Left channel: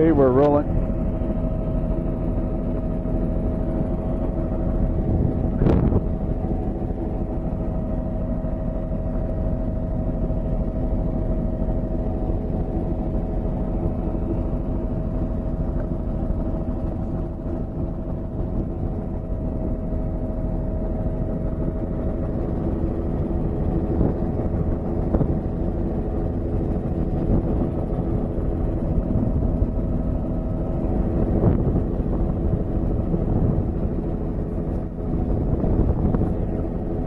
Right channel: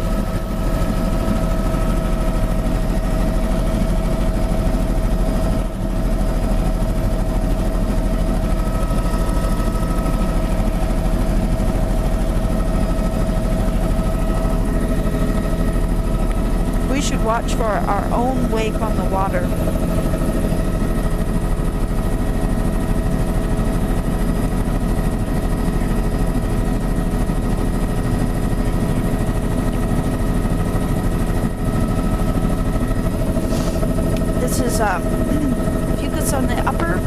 Okay, we're rolling. We should watch for our own wake on the water. This is fucus on the upper,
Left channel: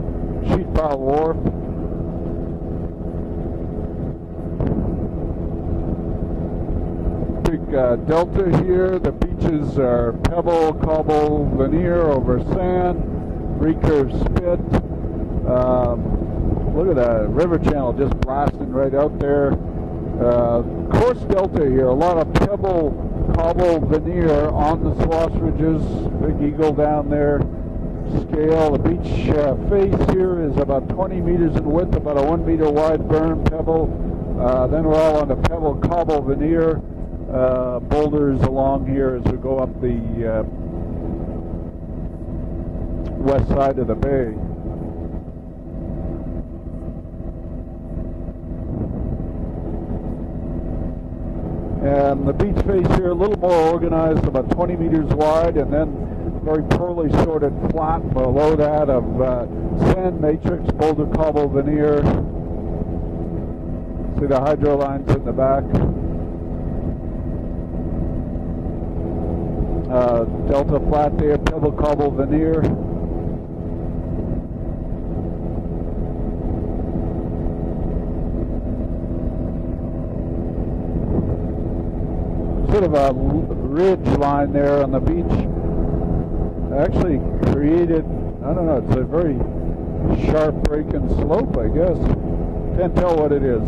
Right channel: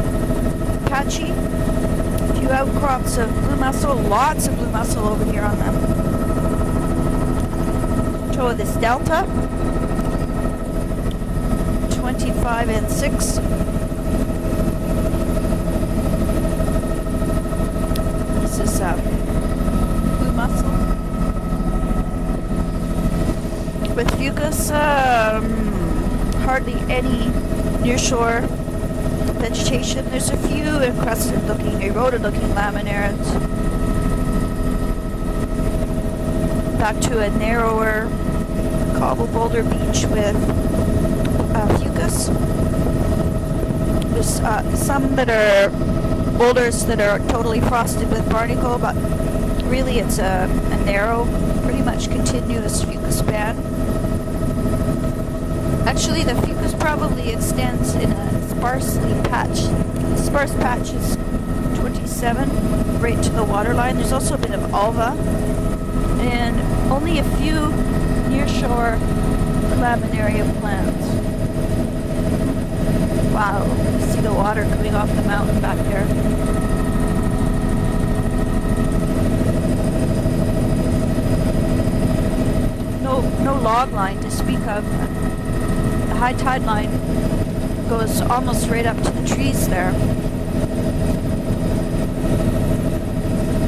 patchy. A few outcrops of blue mussel, lots of blue mussel over here on the Delta this here. delta. This is pebble, cobble, veneer 25 and 6. Three curves spit. Look at that river channel just blasting right out there. Coarse delta here, a lot of pebble, cobble, with veneer fucus, hardly any nearshore vegetation. There's a few impressive looking eroded looking laminaires. Then we're all on the pebble cobble veneer. Back to a narrower cobble boulder beach with fucus. West side of the bay. There's some that are boulders that are totally frosted with barnacle, but really it's a narrow, pretty much continuous fucus band. Organized about 20 meters wide, and then actually, the fucus probably extends in sparsely patched, sparse patches. 27. Right to the waterline. There's also a bit of ulva and only a few nearshore laminaria plants. Wow, see the water coming off the mountain back there. No log line to speak of. The high tide line goes almost right up to the trees there. Sharp breaking slope, I guess. Can't tell what it is.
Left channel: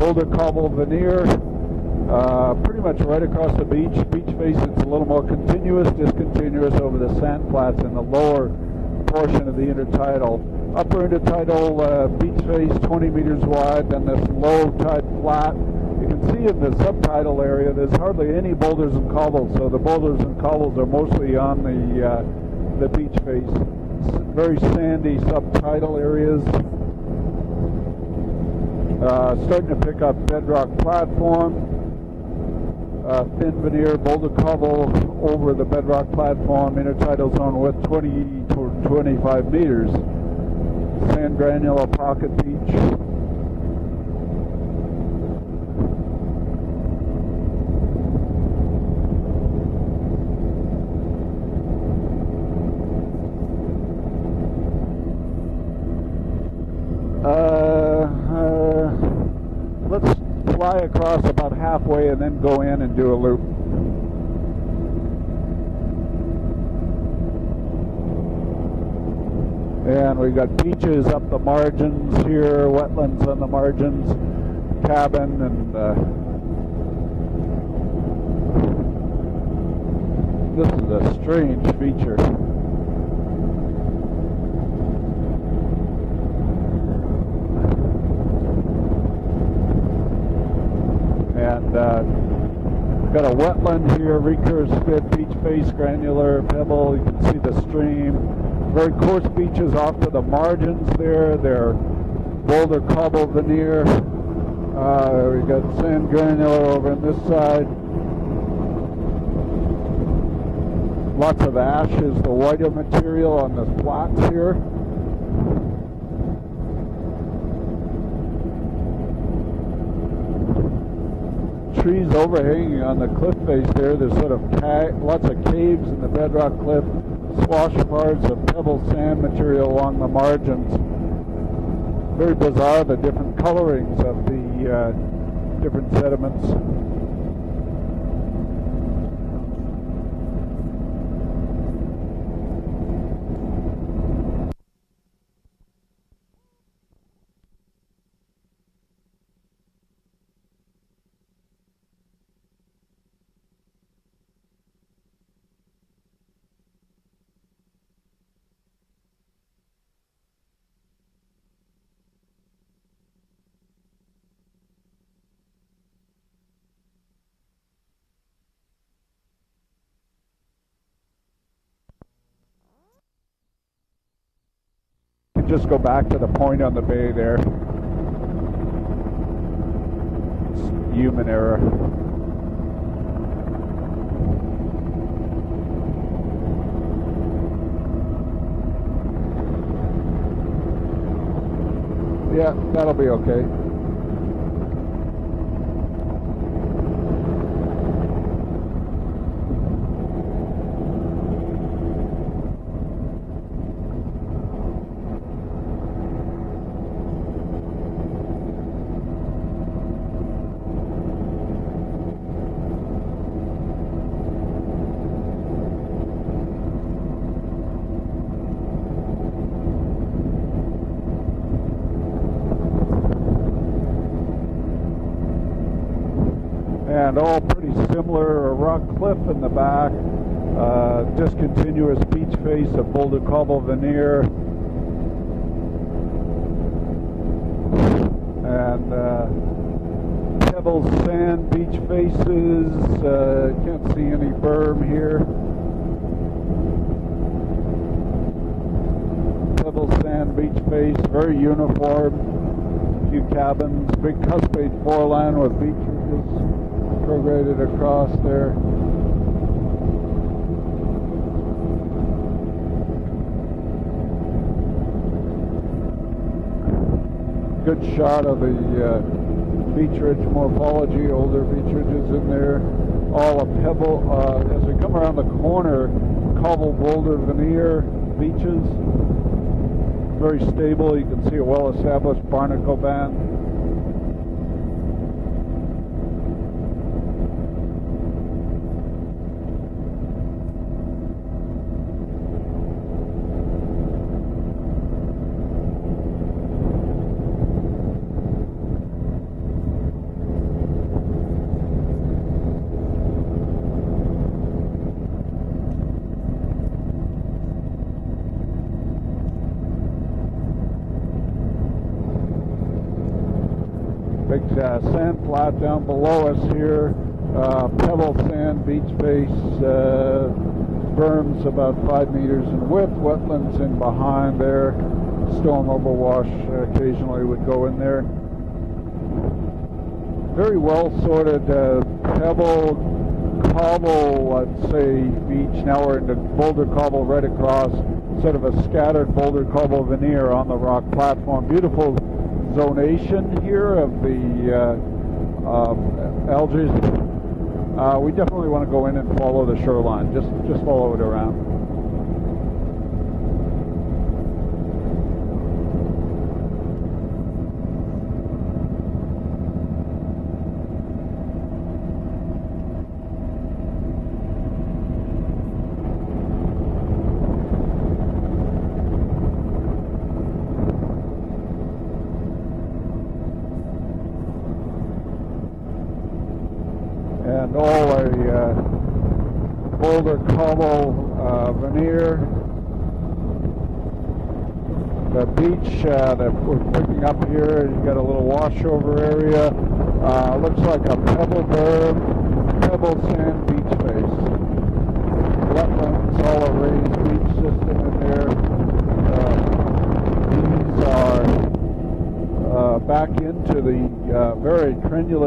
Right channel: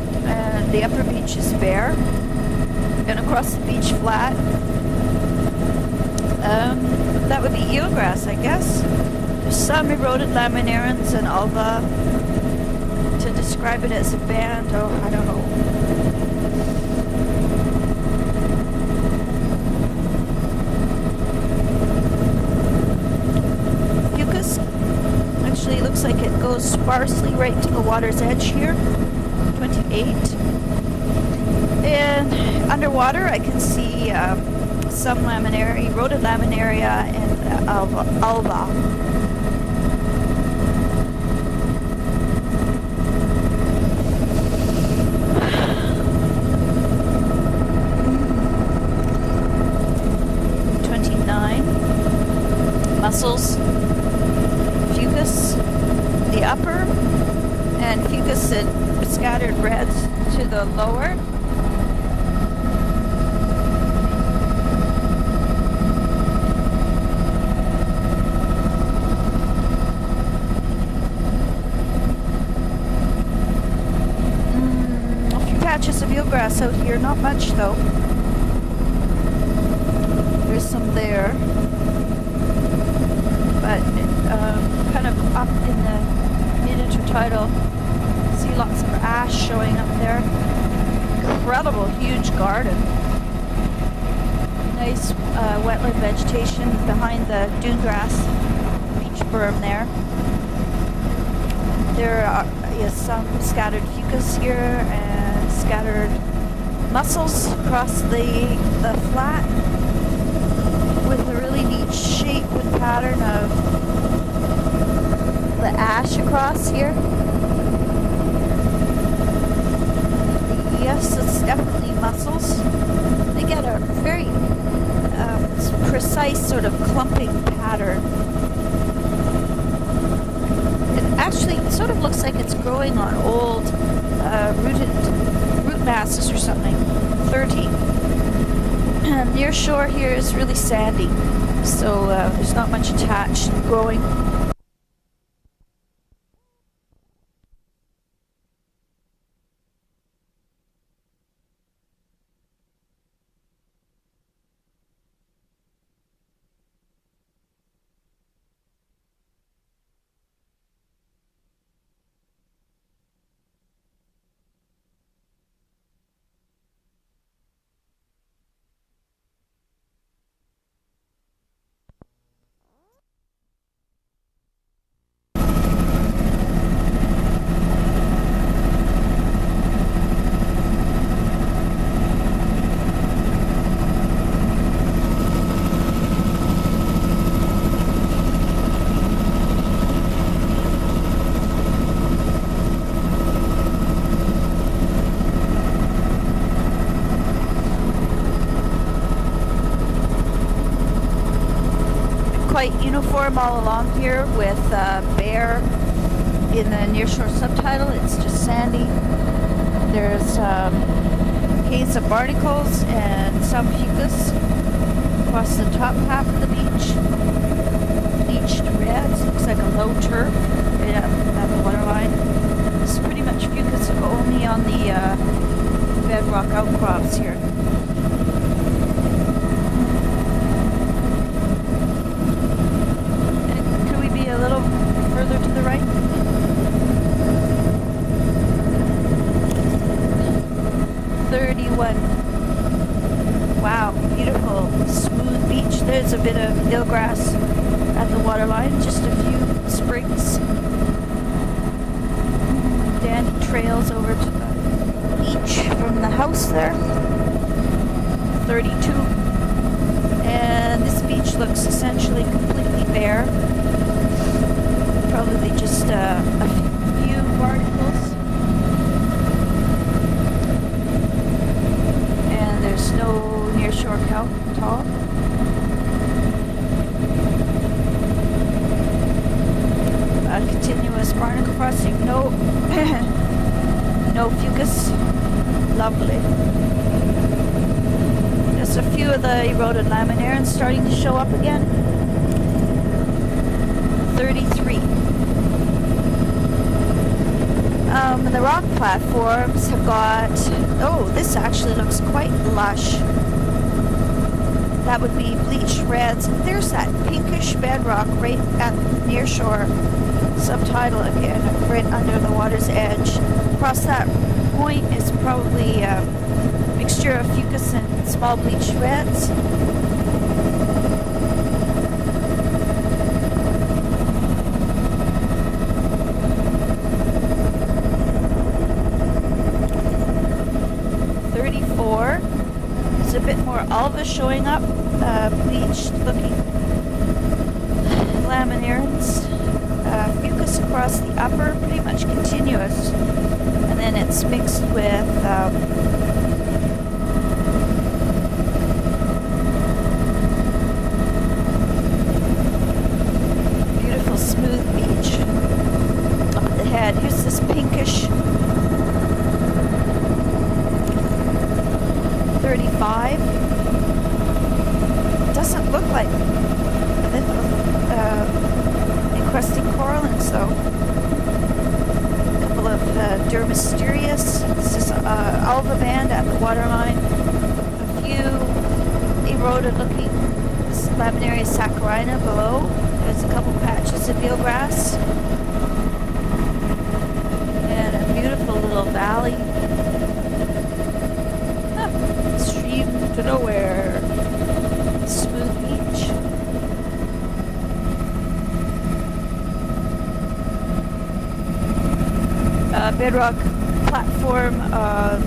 And the upper beach is bare. Pretty much and across the beach flat. A little more continuous. That would be eelgrass, I guess. There's some eroded laminarans and ulva to describe it as a band. Oh, I don't know. In the subtidal area, there's hardly any boulders and cobbles, so the boulders and cobbles are mostly on the beach face. Fucus actually looks like it goes sparsely right to the water's edge here. 28. And underwater, I can see some laminaria, eroded laminaria and ulva. 25 meters. Sand granular pocket beach. Mussels, fucus, the upper, and fucus and scattered reds to the lower. About halfway and then go in and do a loop. And we've got beaches up the margins here, wetlands on the margins, cabin. A few patches of eelgrass out here, not much though. There's some there. But kind of up in the mid-intertidal, see lots of ash showing up there. Incredible huge garden. Got a wetland here, nice wetland vegetation behind the dune grass. Very coarse beaches off to the margins there. There are some scattered fucus here and scattered mussels across the flat. With a really neat shape and pattern of the ash across here. Yes, it's definitely mussels. They get a very precise sort of clumping pattern. It actually sort of looks like it's growing on old root masses or something. 30. Near shore here is really sandy, so there's not much attached growing. Let's go back to the point on the bay there. Human error. Yeah, that'll be okay. Quite uniform all along here with bare in the nearshore subtitle. It's just sandy. There's haze of barnacles and some fucus across the top half of the beach. Bleached reds, looks like a low turf right at the waterline. This is pretty much fucus only on the bedrock outcrops. And all similar rock cliff in the back. Just continuous beach space, the folded cobble veneer. Can we be a little further to the right? And pebble sand 31. Spaces, Wow, beautiful smooth beach. There's a bit of eelgrass at the waterline, just a few sprigs. Sand beach space, very uniform. Dandy trails over to the beach from the house there. Across there. 32. And this beach looks essentially completely bare. Probably just a few barnacles. Good shot of the beach morphology over the and there's no nearshore kelp at all. Come around the corner, cobble boulder veneer beaches. Continuous barnacle crossing, no fucus. Lovely. Just a few of the eroded laminaires starting to show up again. 33. The rock platforms have got, oh, this actually looks quite lush. That would be bleached reds. There's that pinkish bedrock right at near shore. Subtitle again, right under the water's edge. Across that point is probably a mixture of fucus and small bleached reds. Berms about 5 meters in width, wetlands in behind there. Storm overwash occasionally would go in there. Very well sorted. 34. Pebble, there's a bit more alga showing up. Bleached looking. Boulder cobble right across. Laminaires. Scattered boulder cobble veneer on the rock platform. Beautiful pretty much continuous. Donation here. And then it's mixed with algae. We definitely want to go in and follow the shoreline. Just follow it around. Beautiful smooth beach. Up the head. Here's this pinkish 35. Doesn't look like encrusting corallines though. A couple of Dermisterius. This is alga band at the waterline. And all eroded looking laminaria saccharina below. There's a couple patches of eelgrass. The beach that we're picking up here is got a little washover area. Looks like a pebble berg. Stream nowhere. Smooth beach. All a raised beach system in there. Bedrock platform of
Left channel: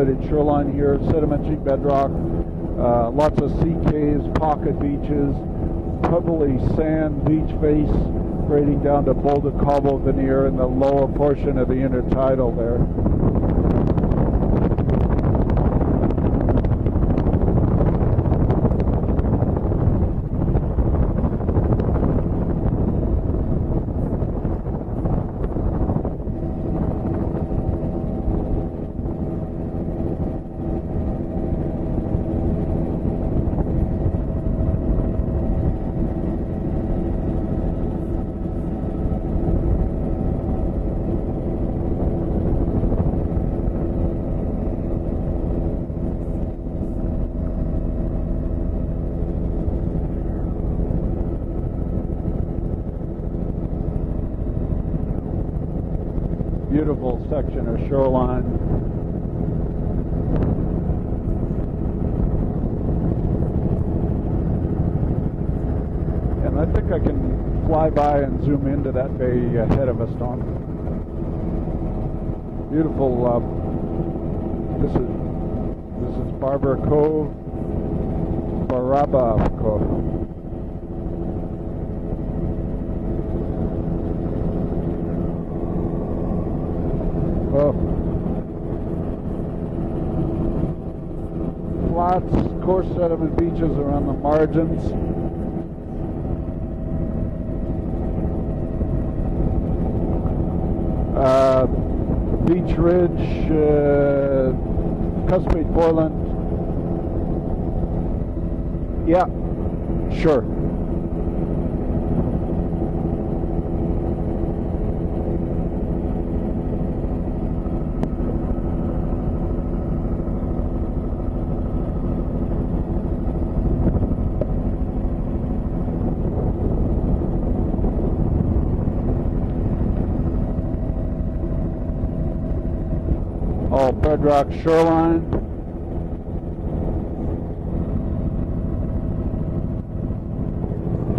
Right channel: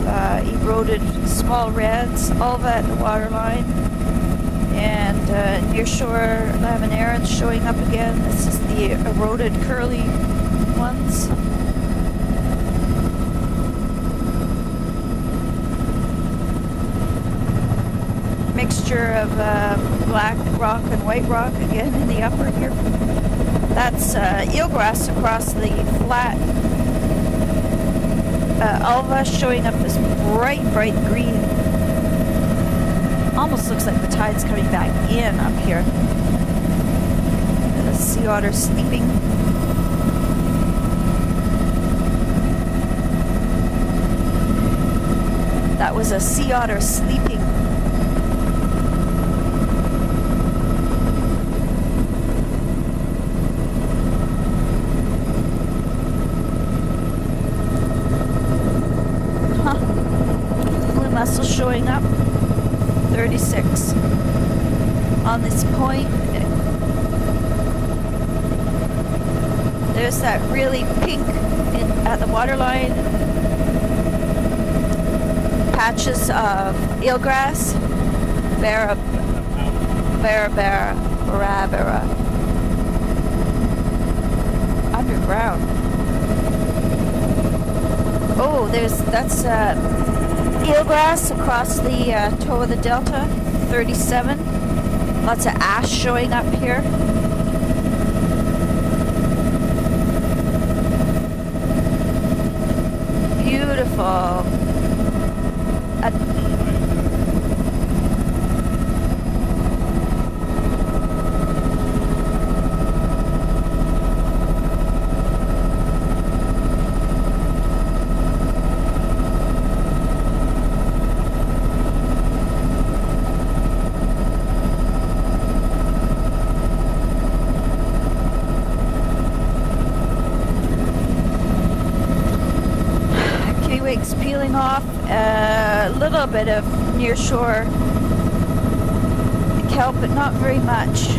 eroded small reds, all that waterline, and nearshore laminaires showing up again. This is the eroded curly in the lower portion of the intertidal there. Mixture of black rock and white rock again in the upper here. That's eelgrass across the flat. Alva showing up this bright green. Almost looks like the tide's coming back in up here. The sea otter sleeping. That was a sea otter sleeping. Beautiful section of shoreline. Blue mussel showing up. 36. On this point. I think I can fly by and zoom into that bay ahead of There's us. that really pink at the waterline. Beautiful, Patches of eelgrass. Barabara. Underground. Oh, that's eelgrass across the toe of the delta. 37. Lots of ash showing up here. Beach Ridge. Beautiful. Custom Portland. Yeah, sure. Kiwi's peeling off a little bit of near shore kelp, but not very much.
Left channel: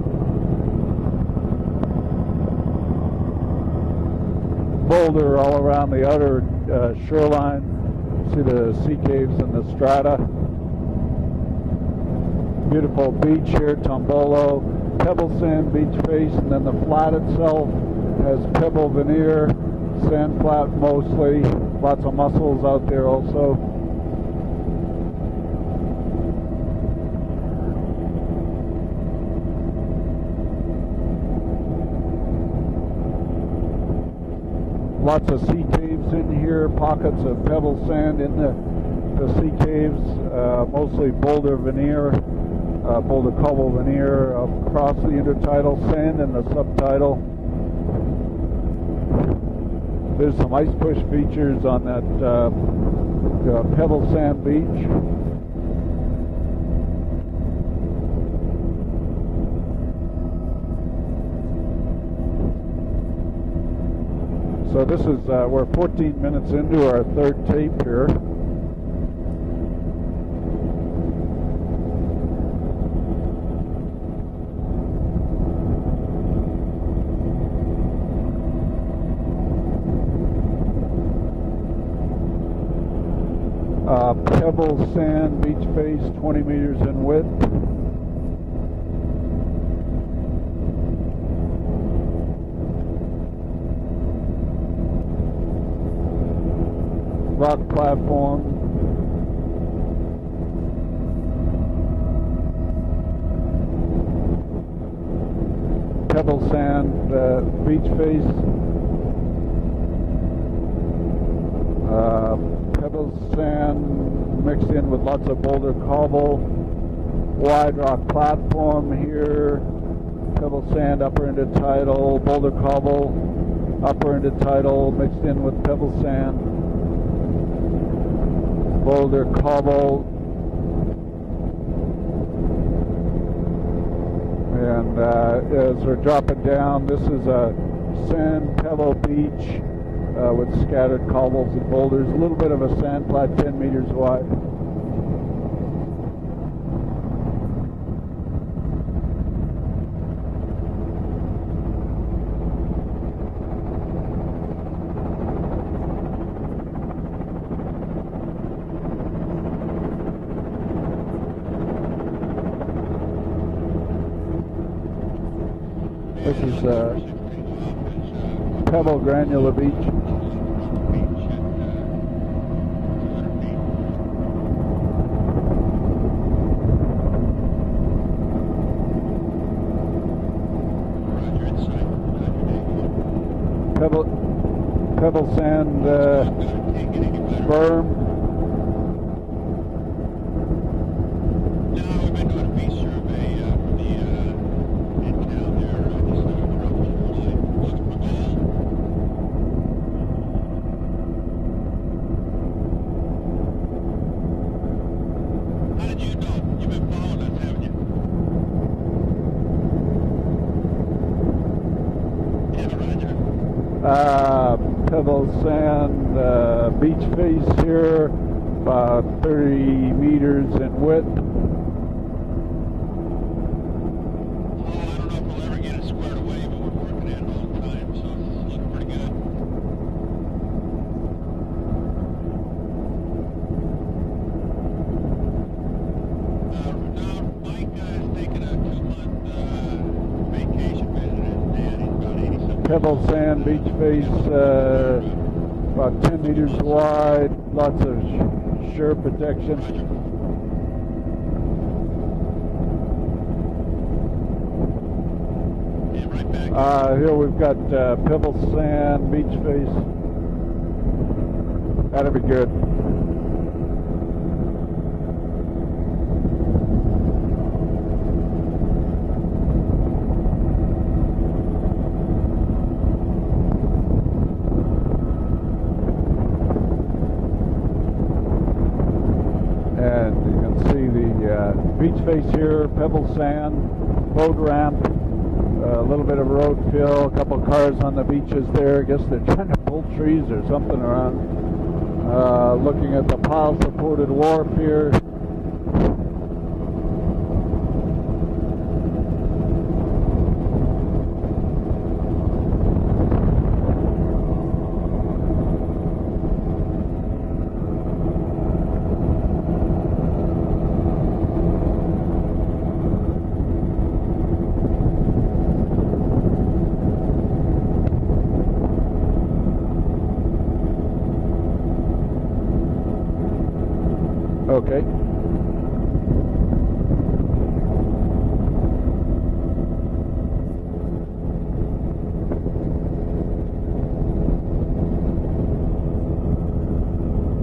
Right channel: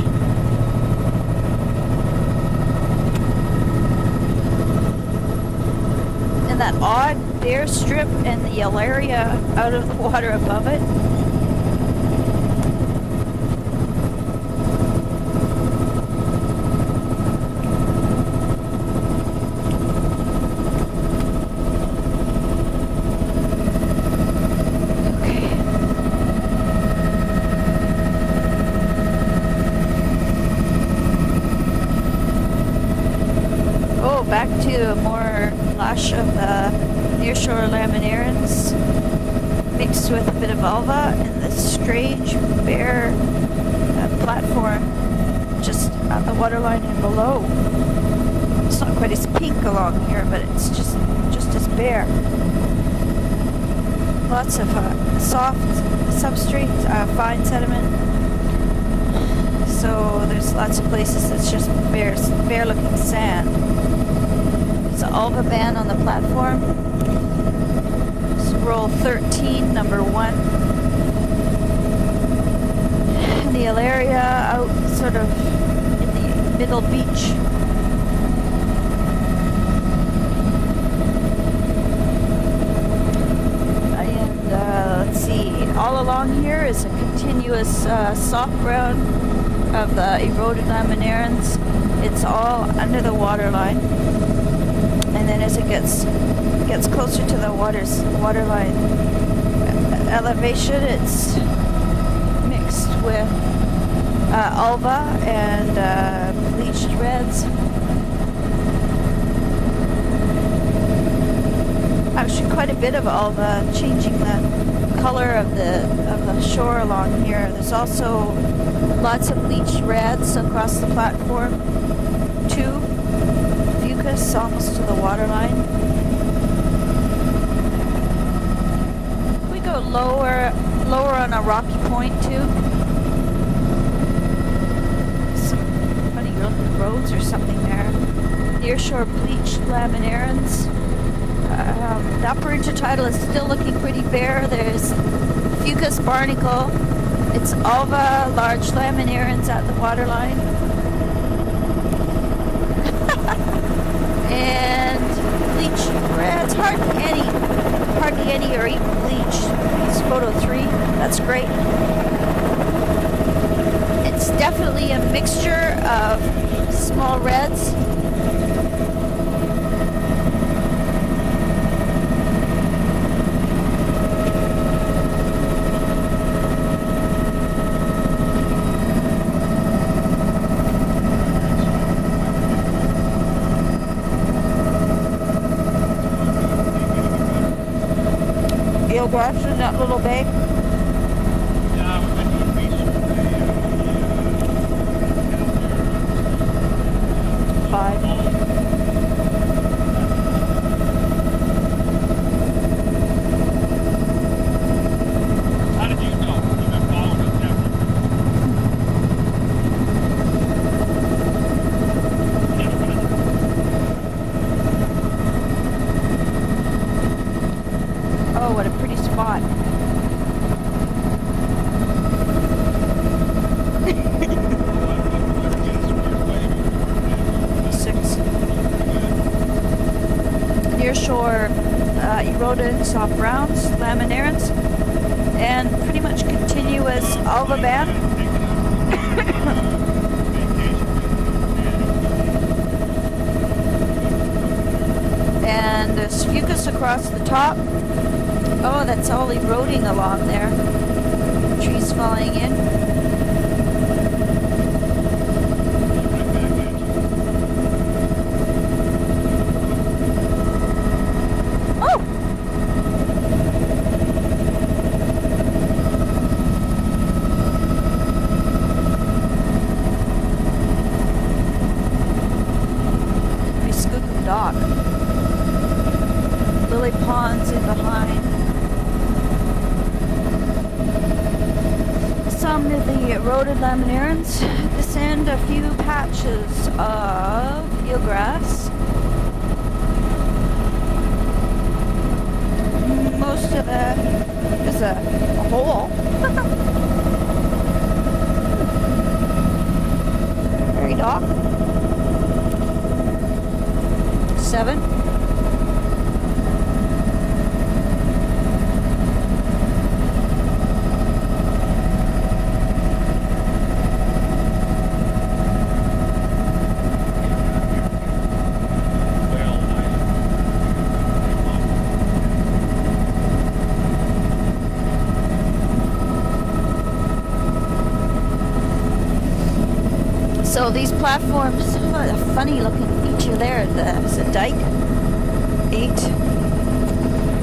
Boulder all around the other. And that odd bare strip and the area out of the water above it. Beautiful beach here, Tombolo, pebble sand beach face, and then the flat itself has pebble veneer, sand flat mostly, lots of mussels out there also. Okay. Oh, back to more flash of the nearshore laminarans mixed with a bit of alva and this strange bare platform just on the waterline below. It's not quite as pink along here, but it's just as bare. Lots of soft substrate, fine sediment. So there's lots of places that's just bare looking sand. It's an alva van on the platform. Into our third tape here. It's roll 13, number 1. And the area out sort of in the middle beach. Let's see, all along here is a continuous soft ground of the eroded laminarans. It's all under the waterline. And then as it gets closer to the waterline elevation, it's mixed with alva and bleached reds. Actually, quite a bit of alva, changing the color of the shore along here. There's also lots of bleached reds across the platform. 2 fucus socks to the waterline. Go lower on a rocky point too. And so we're dropping down. Roads or something there. Nearshore bleached laminarans. The upper intertidal is still looking pretty bare. There's fucus barnacle. It's alva, large laminarans at the waterline. And bleached reds, hardly any are even bleached. It's photo 3. That's great. It's definitely a mixture of small reds. Pebble granular beach. Pebble sand berm. Eelgrass in that little bay. Yeah, we've been doing beach survey of the 5. How did you know? You've been following us, haven't you? Pebble sand beach face here. Oh, what a pretty spot. 30 meters in width. I don't know if we'll ever get it squared away eroded soft browns, laminarans, and pretty much continuous alva band. Pebble sand, beach space. And there's fucus across the top. Oh, that's all eroding along there. Trees falling in. Here we've got pebble sand, beach space. Oh. That'll be good. I scooped the dock. Lily ponds in behind. And see the beach space here. Some of pebble the sand, eroded laminarans. road ramp, Descend a few a little patches bit of road still, a couple cars on the eelgrass. beaches there. I guess they're trying to pull trees or something around. Looking at the Most of that coated wharf is here. a hole. Very dock. 7. Okay. So these platforms, a funny looking feature there. There's a dike. 8.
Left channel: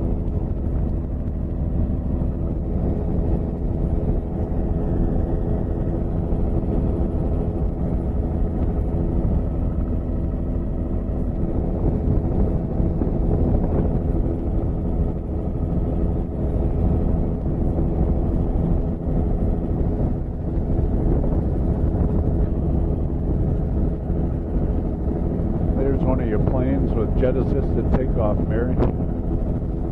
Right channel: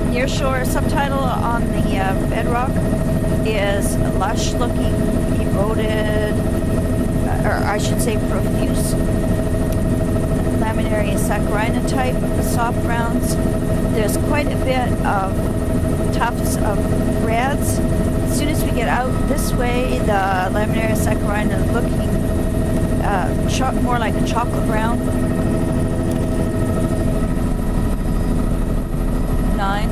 Nearshore subtitle on the bedrock is lush looking, eroded, or I should say profuse, laminaria saccharina type of the soft browns. There's quite a bit of tufts of reds. As soon as we get out this way, the laminaria saccharina looking more like a chocolate brown. There's one of your planes with jetted just to take off there. 9.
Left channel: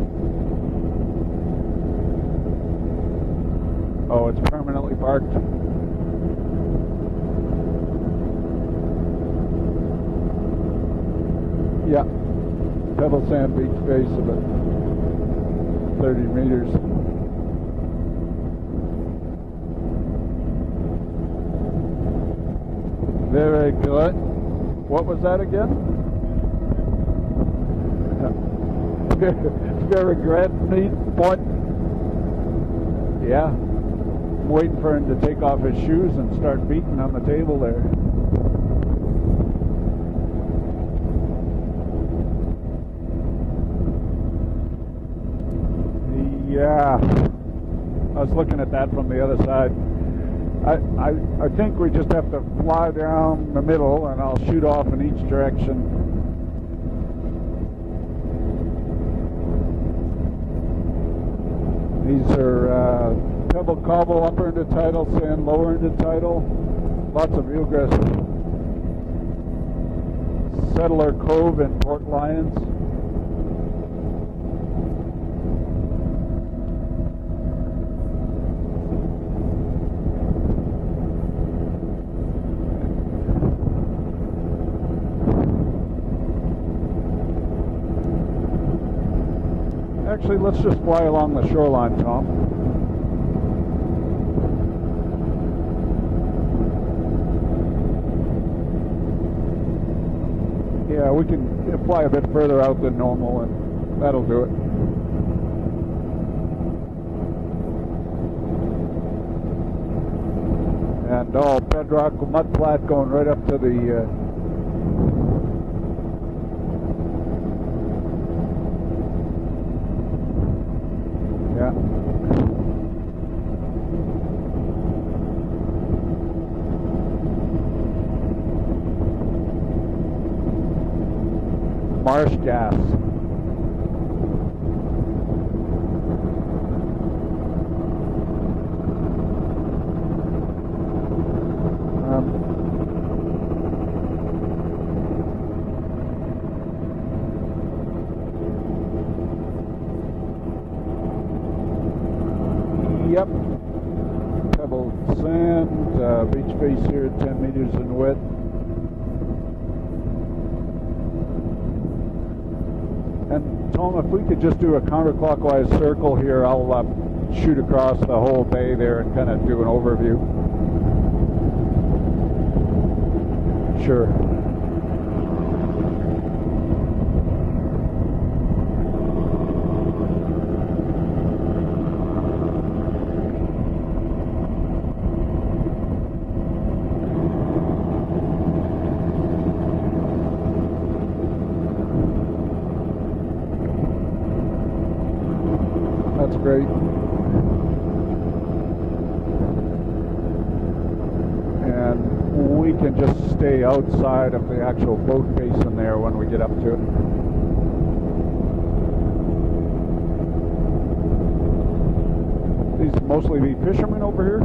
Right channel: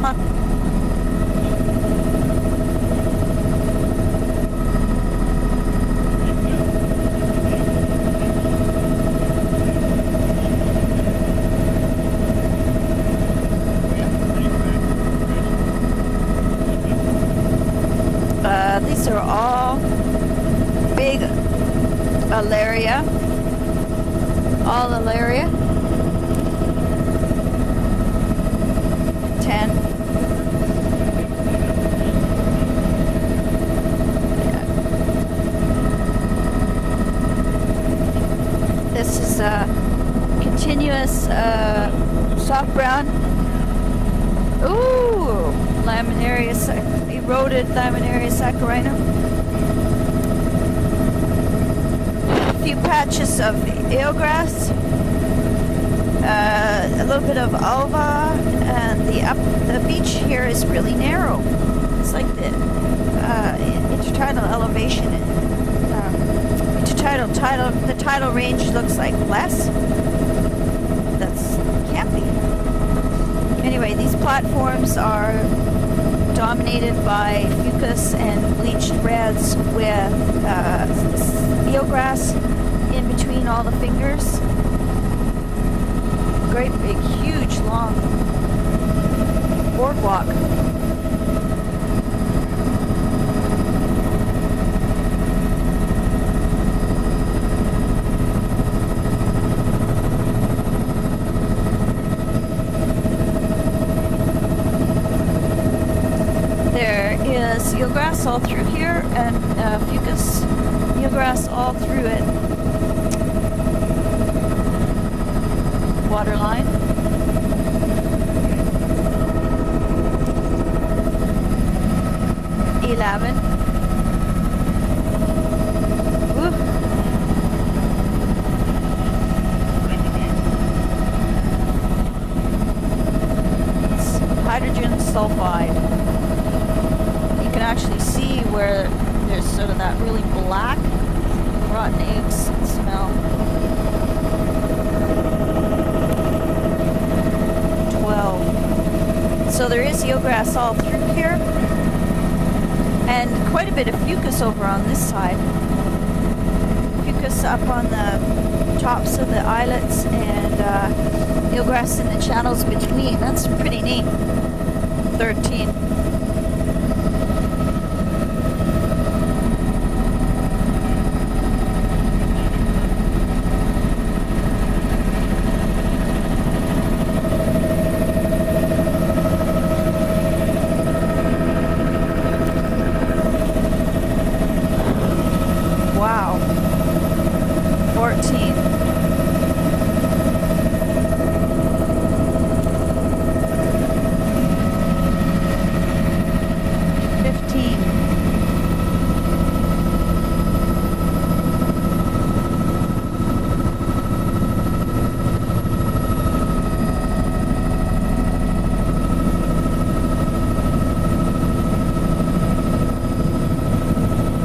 Huh. Oh, it's permanently marked. Yeah. Pebble sand is space of 30 meters. These are all big alaria. Very good. All What was that alaria. again? 10. Jerry Grant's what? Yeah. Waiting for him to take off his shoes and start beating on the table there. This is a continuous soft brown. Ooh, laminaria, eroded laminaria saccharina. From the other side. I think we just have to A few fly patches down of the middle and eelgrass. shoot off in each direction. A little bit of alva, and the beach here is really narrow. It's like intertidal elevation. The tidal range looks like less. Settler Cove and camping. Anyway, these platforms are dominated by fucus and bleached reds with eelgrass in between all the fingers. Great big, huge, long boardwalk. Actually, let's just fly along the shoreline, Tom. Yeah, we can fly a bit further out than normal, and that'll do it. There is eelgrass all through here, and fucus eelgrass all through it. Mud flat going right up to the water line. Yeah. 11. Woo. Marsh gas. It's hydrogen sulfide. You can actually see where there's sort of that really black rotten eggs smell. 12. So there is eelgrass all through here. And quite a bit of fucus over on this side. Fucus up on the tops of the islets and eelgrass in the channels between. That's pretty neat. If we could just do a counterclockwise 13. circle here, I'll shoot across the whole bay there and kind of do an overview. Sure. Wow. 14. That's great. 15. And we can just stay outside of the actual boat station there when we get up to it. It's mostly these fishermen over here.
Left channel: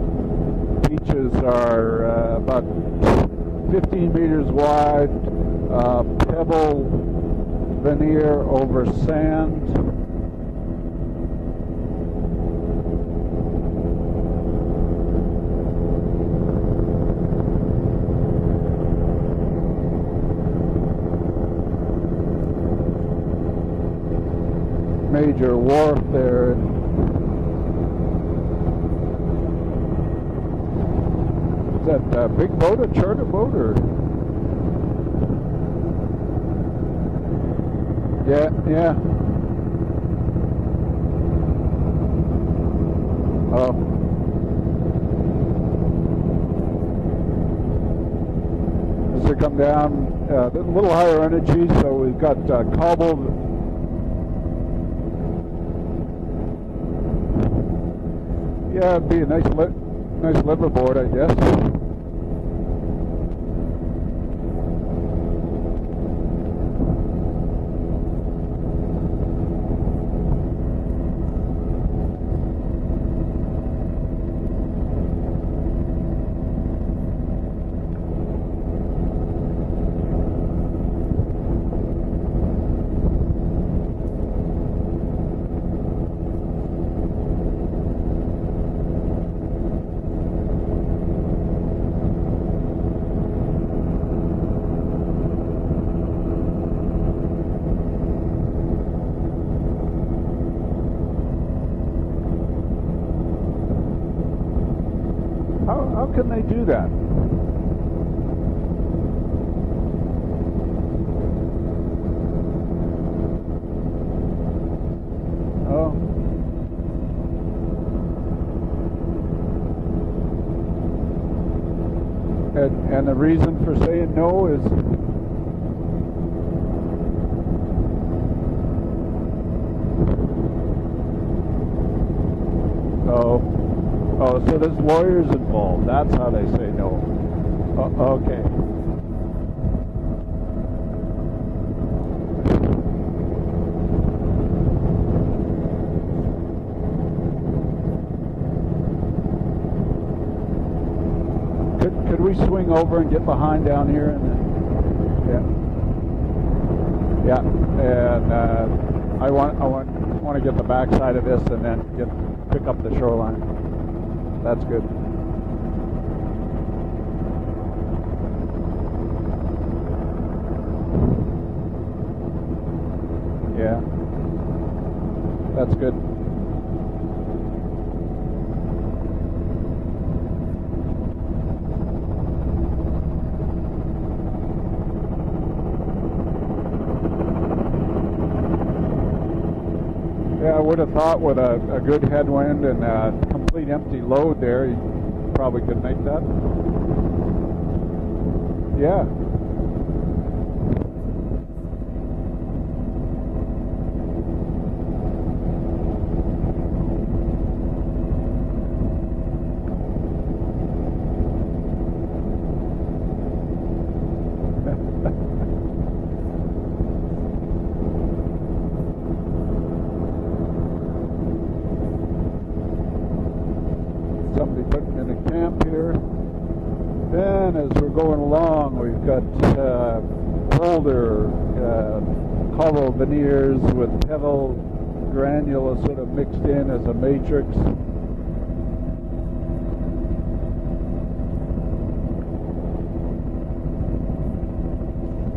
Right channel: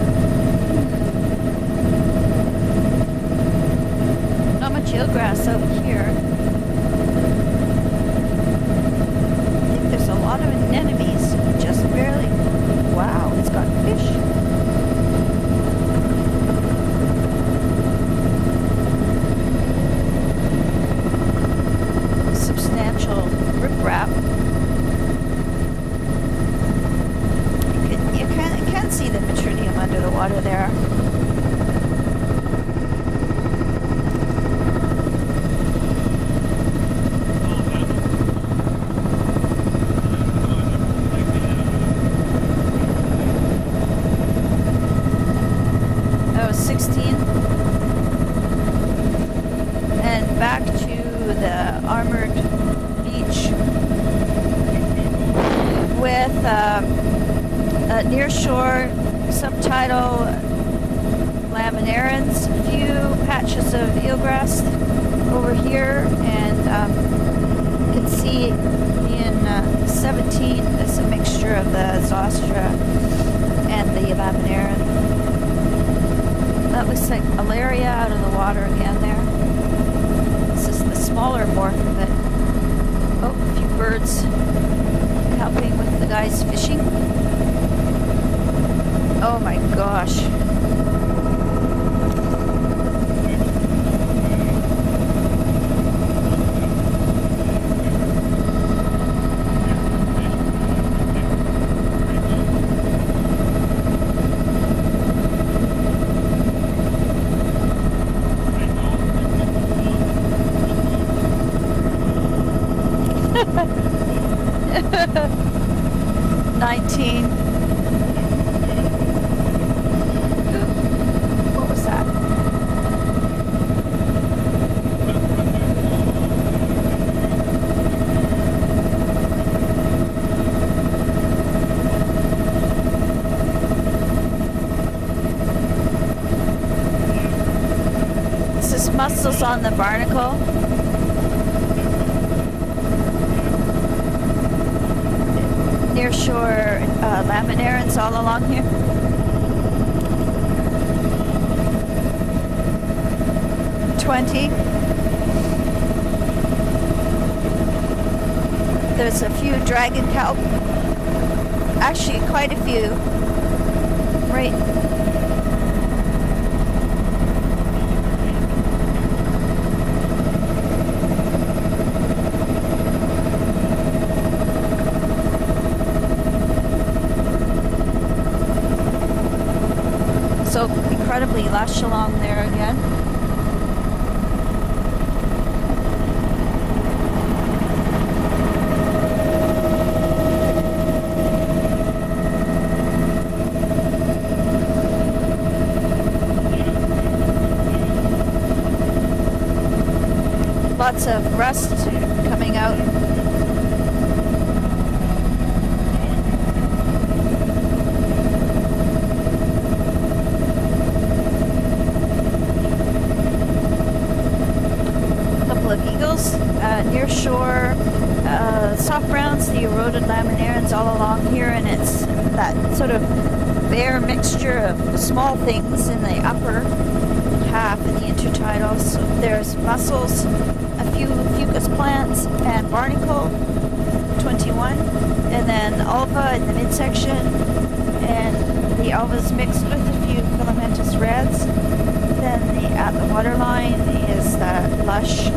Beaches are about 15 meters How much wide. eelgrass out here? Pebble veneer over sand. There's a lot of anemones, just barely. Wow, it's got fish. Substantial riprap. Major wharf there. You can see the Metrinium under the water there. That big boat, a charter boat, or? Yeah, yeah. Oh, That was 16. as we come down, And back a little higher to energy, the so we've armored got cobble. beach with near shore Yeah, it'd be a nice subtitle nice liverboard, I guess. laminarans, a few patches of eelgrass over here, and you can see in 17 it's a mixture of the Zostra and the laminaran. That looks like Alaria out of the water again there. This is the smaller morph of it. Oh, a few birds helping with the guys fishing. Oh my gosh. How can they do that? Oh, 19. What was that? and the reason for saying no is oh, so there's lawyers involved. That's how they say no. Okay. This is mussels on the barnacle. Near shore laminarans all along here. Can we swing over and get behind down here? 20. Yeah. And There's a few dragon I kelp. want to get the backside of this and then Actually, quite a pick up few. control on it. Right. That's good. Yeah. That's good. So incredibly lush along there again. Yeah, I would have thought with a good headwind and a clean empty load there, you probably could make that. Yeah. Lots of rust coming out. Couple of eagles near shore. Soft browns, the eroded laminarans all along here, and it's that sort of fair mixture of small things in the upper half of the intertidals. There's mussels, a few fucus plants, and barnacle, 21, and then alva in the midsection, and the alva's mixed with a few filamentous reds. Then at the waterline is that lush,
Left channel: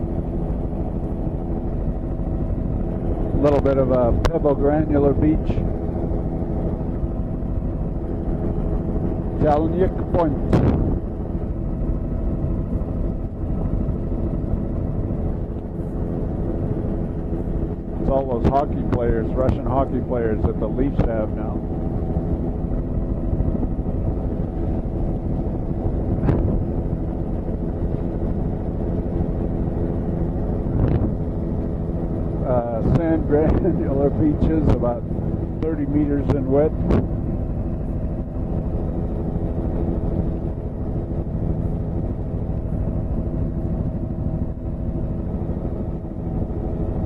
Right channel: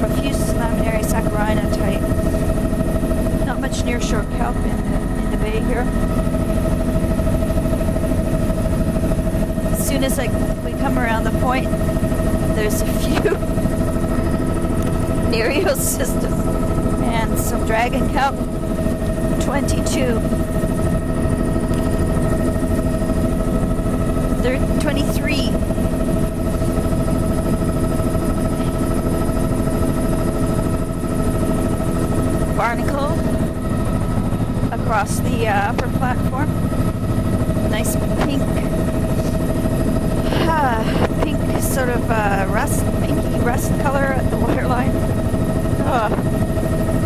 profuse laminary saccharina type. Not much nearshore kelp in the bay here. As soon as we come around the point, there's a few Nereal systems and some dragon kelp. 22. 23. Barnacle across the upper platform. Nice pink, pink sort of pinky rust color at the waterline.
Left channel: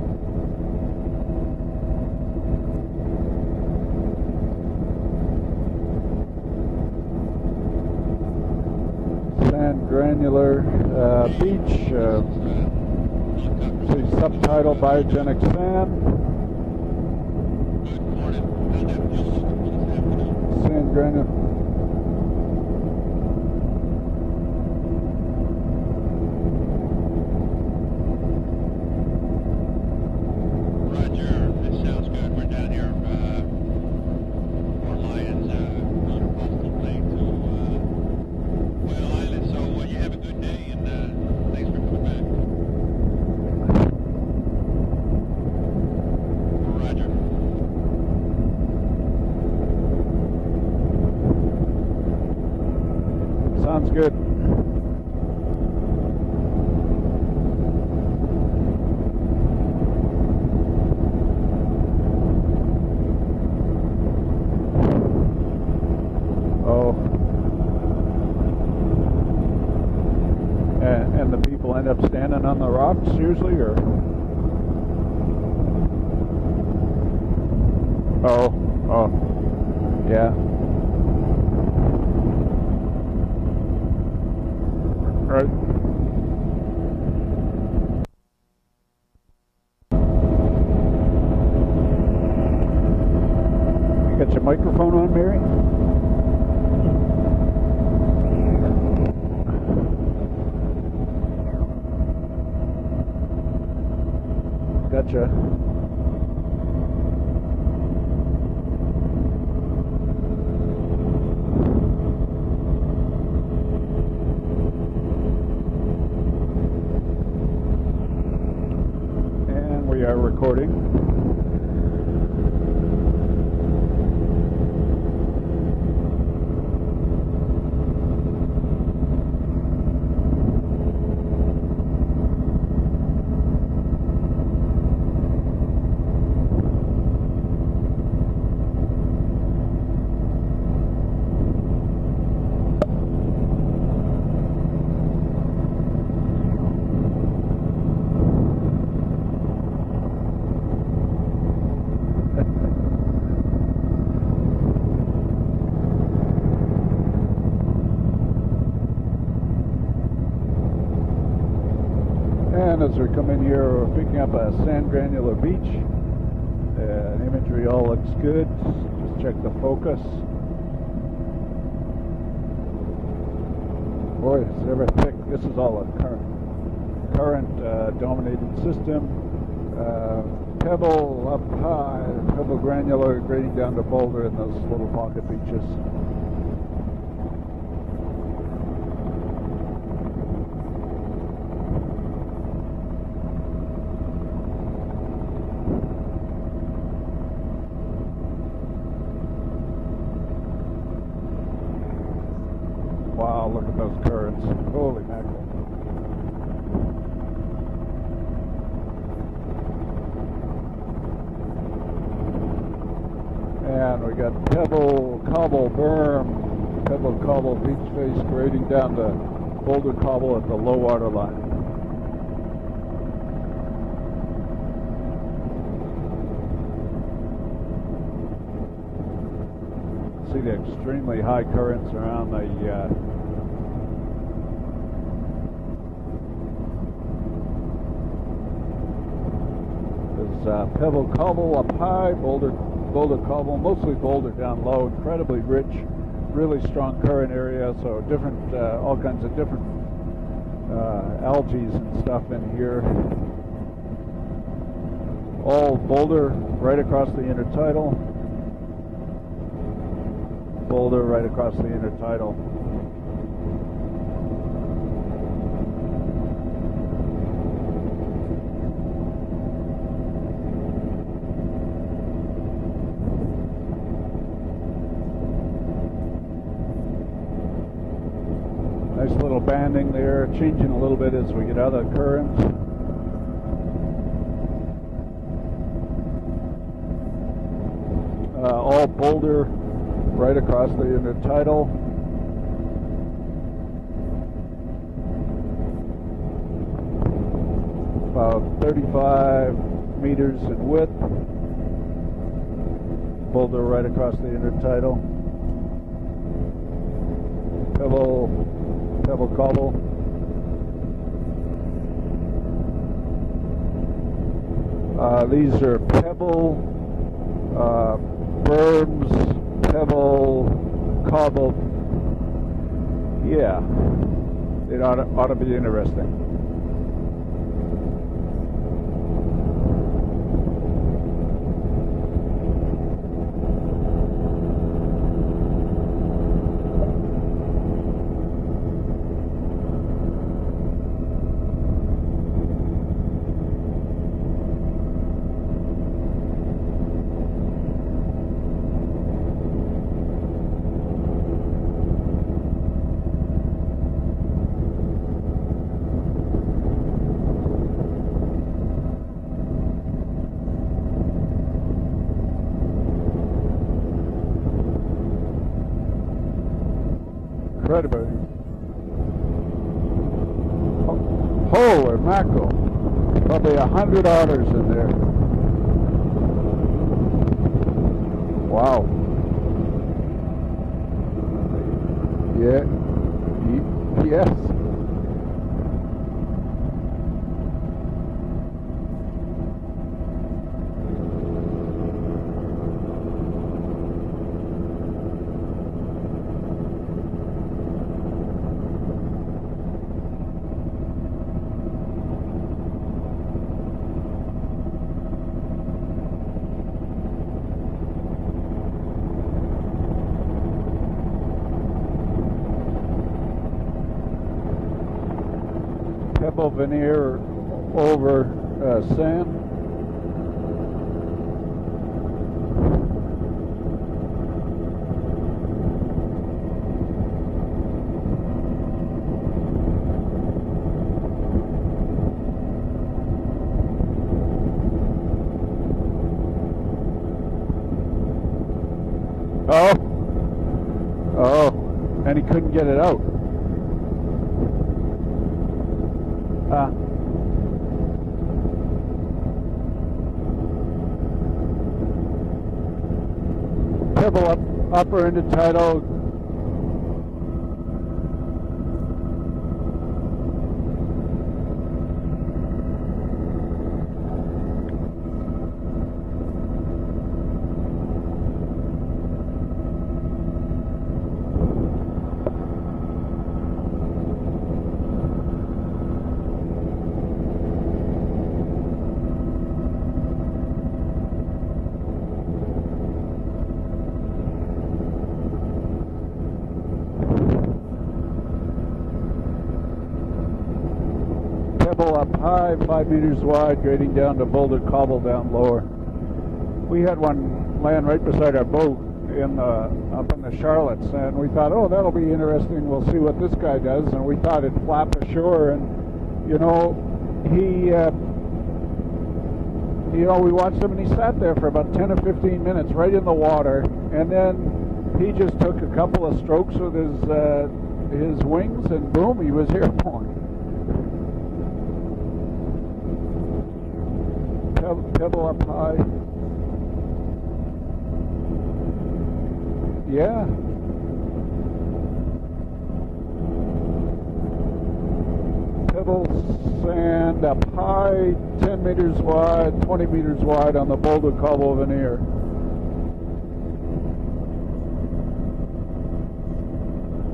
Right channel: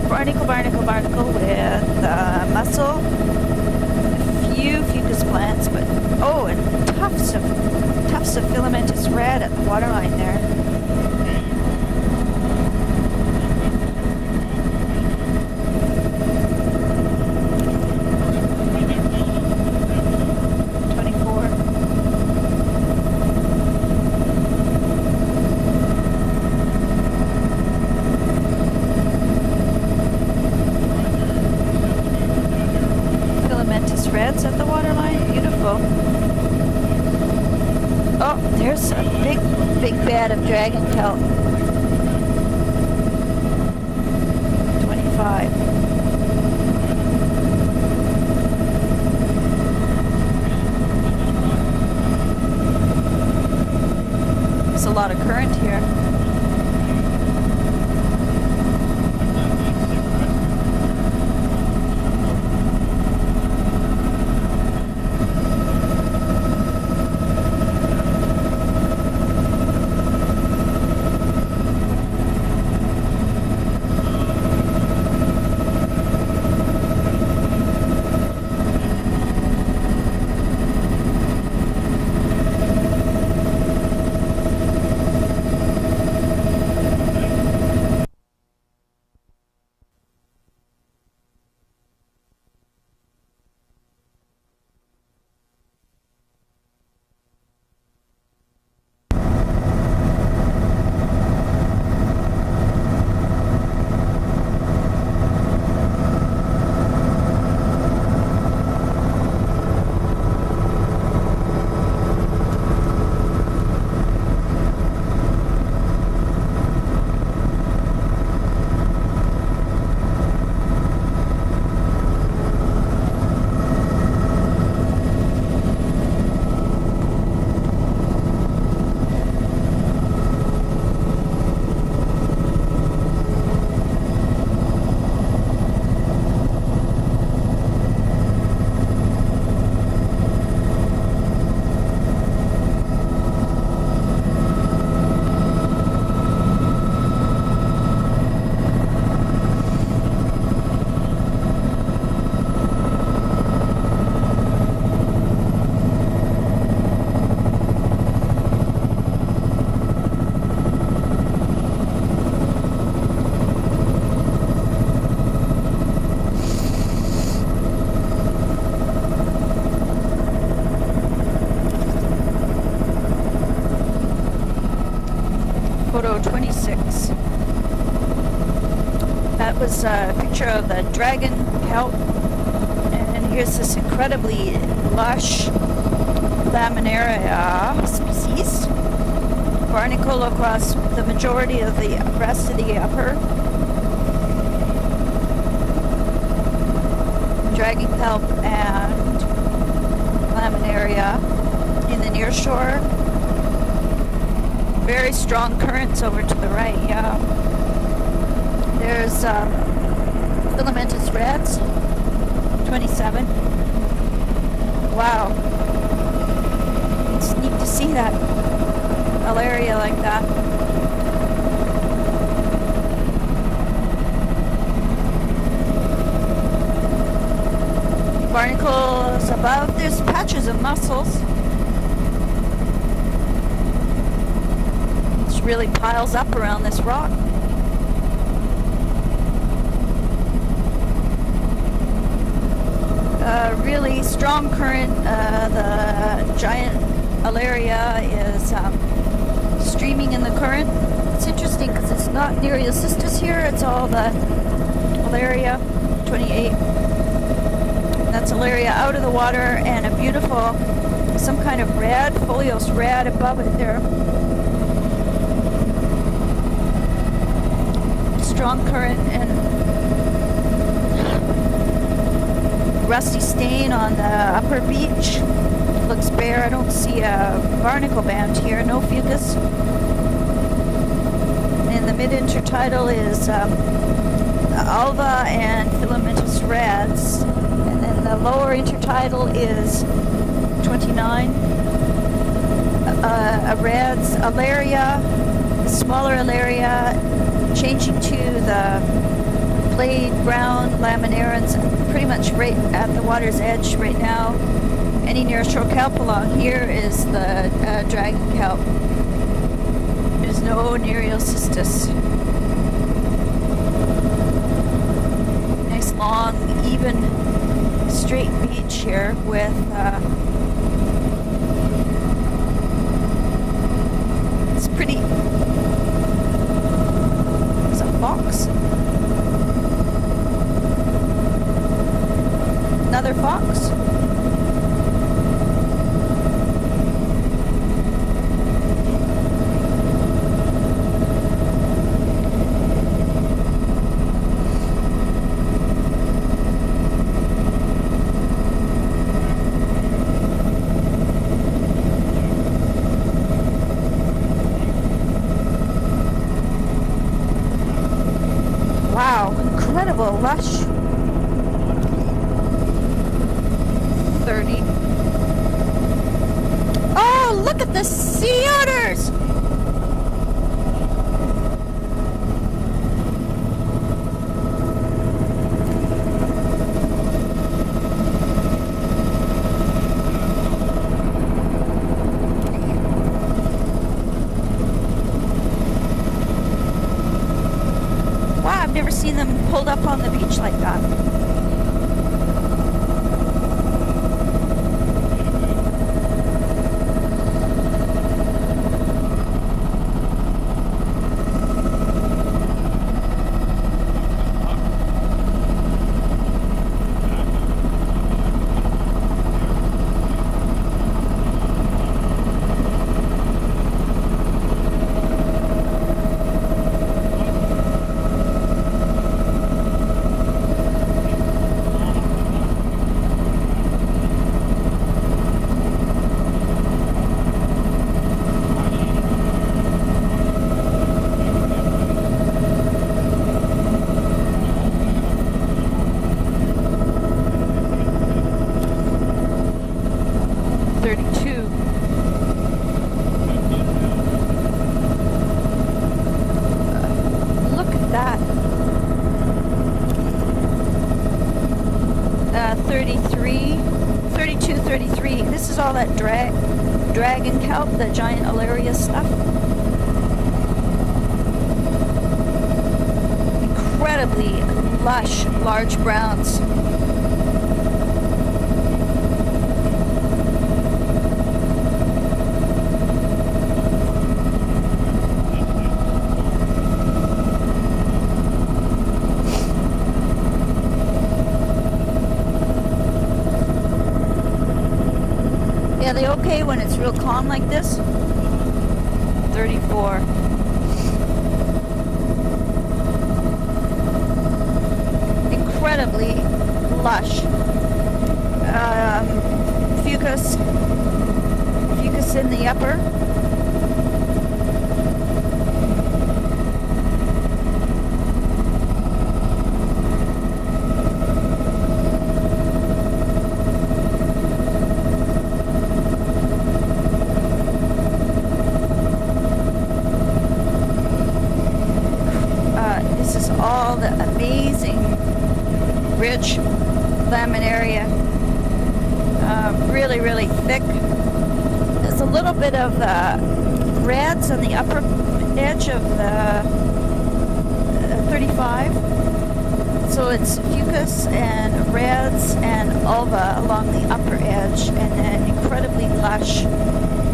Barnacle with mussel, a few fucus plants, but and tufts of filamentous red at the waterline there. Subtitle biogenic plant. 24. Filamentous reds at the waterline. Beautiful. Oh, there's a big bed of dragon kelp. 25. Sounds good. There's a lot of current here. Got your microphone on, Mary? That's right. And we are recording. Photo 26. That was a picture of the dragon kelp. And here's this incredibly lush laminaria species. Barnacle across the majority of the rest of the upper. Dragon kelp and laminaria in the near shore. Wow. Very strong currents over to the right, yeah. There's filamentous reds, 27. Yeah, we got pebble, wow. Cobble there. It's neat to see that area like that. The low water line. Barnacles up above, there's patches of mussels. Really high currents around It really piles up around this rock. Pebble cobble up high, boulder cobble. Really strong current. The giant alaria is streaming in the current. It's interesting because it's not Nereocystis here, it's all the alaria 28. Right across the intertidal. That's alaria out of the water, and a beautiful, some kind of red, foliose red above it there. Strong current and rusty stain on the upper beach. Looks bare. I don't see a barnacle band here. No fucus. A little banding there, changing a little bit. In the mid-intertidal is alva and filamentous reds, and then the lower intertidal is right across 29. A reds, alaria, smaller alaria, changing to the played brown laminarans, pretty much right at the water's edge right now. Any nearshore kelp along here is the dragon kelp. There's no Nereocystis. Nice long, even, straight beach here with cobble. Yeah. It's pretty. Ought to be interesting. There's a fox. Another fox. Wow, incredible, lush. 30. Oh, look at the sea otters! Holy mackerel. Probably 100 otters in there. Wow. Yeah. Yeah. Wow, I've never seen them pulled up on the beach like that. Oh. 32. Oh. And he couldn't get it out. Look at that. 33. 32, 33. This is all that dragon kelp, the giant alaria stuff. Incredibly lush, large browns. Yeah, they okay when it's real calm like this? 34. Pebble up high, 5 meters wide, grading down to boulder cobble down lower. Incredibly We lush. had one land right beside our boat Fucus. in Charlotte, and we thought, oh, that'll be Fucus in the interesting. upper. We'll see what this guy does, and we thought he'd flap the shore, and, we watched him, he sat there for about 10 or 15 minutes right in the water, and then he just took a couple of strokes with his wings, and boom, he was here. This is all the amazing Pebble up high. rich laminaria. really, really thick. There's a little bit of reds on the upper edge of the 35. So it's fucus and reds and ulva along the upper edge, and then incredibly lush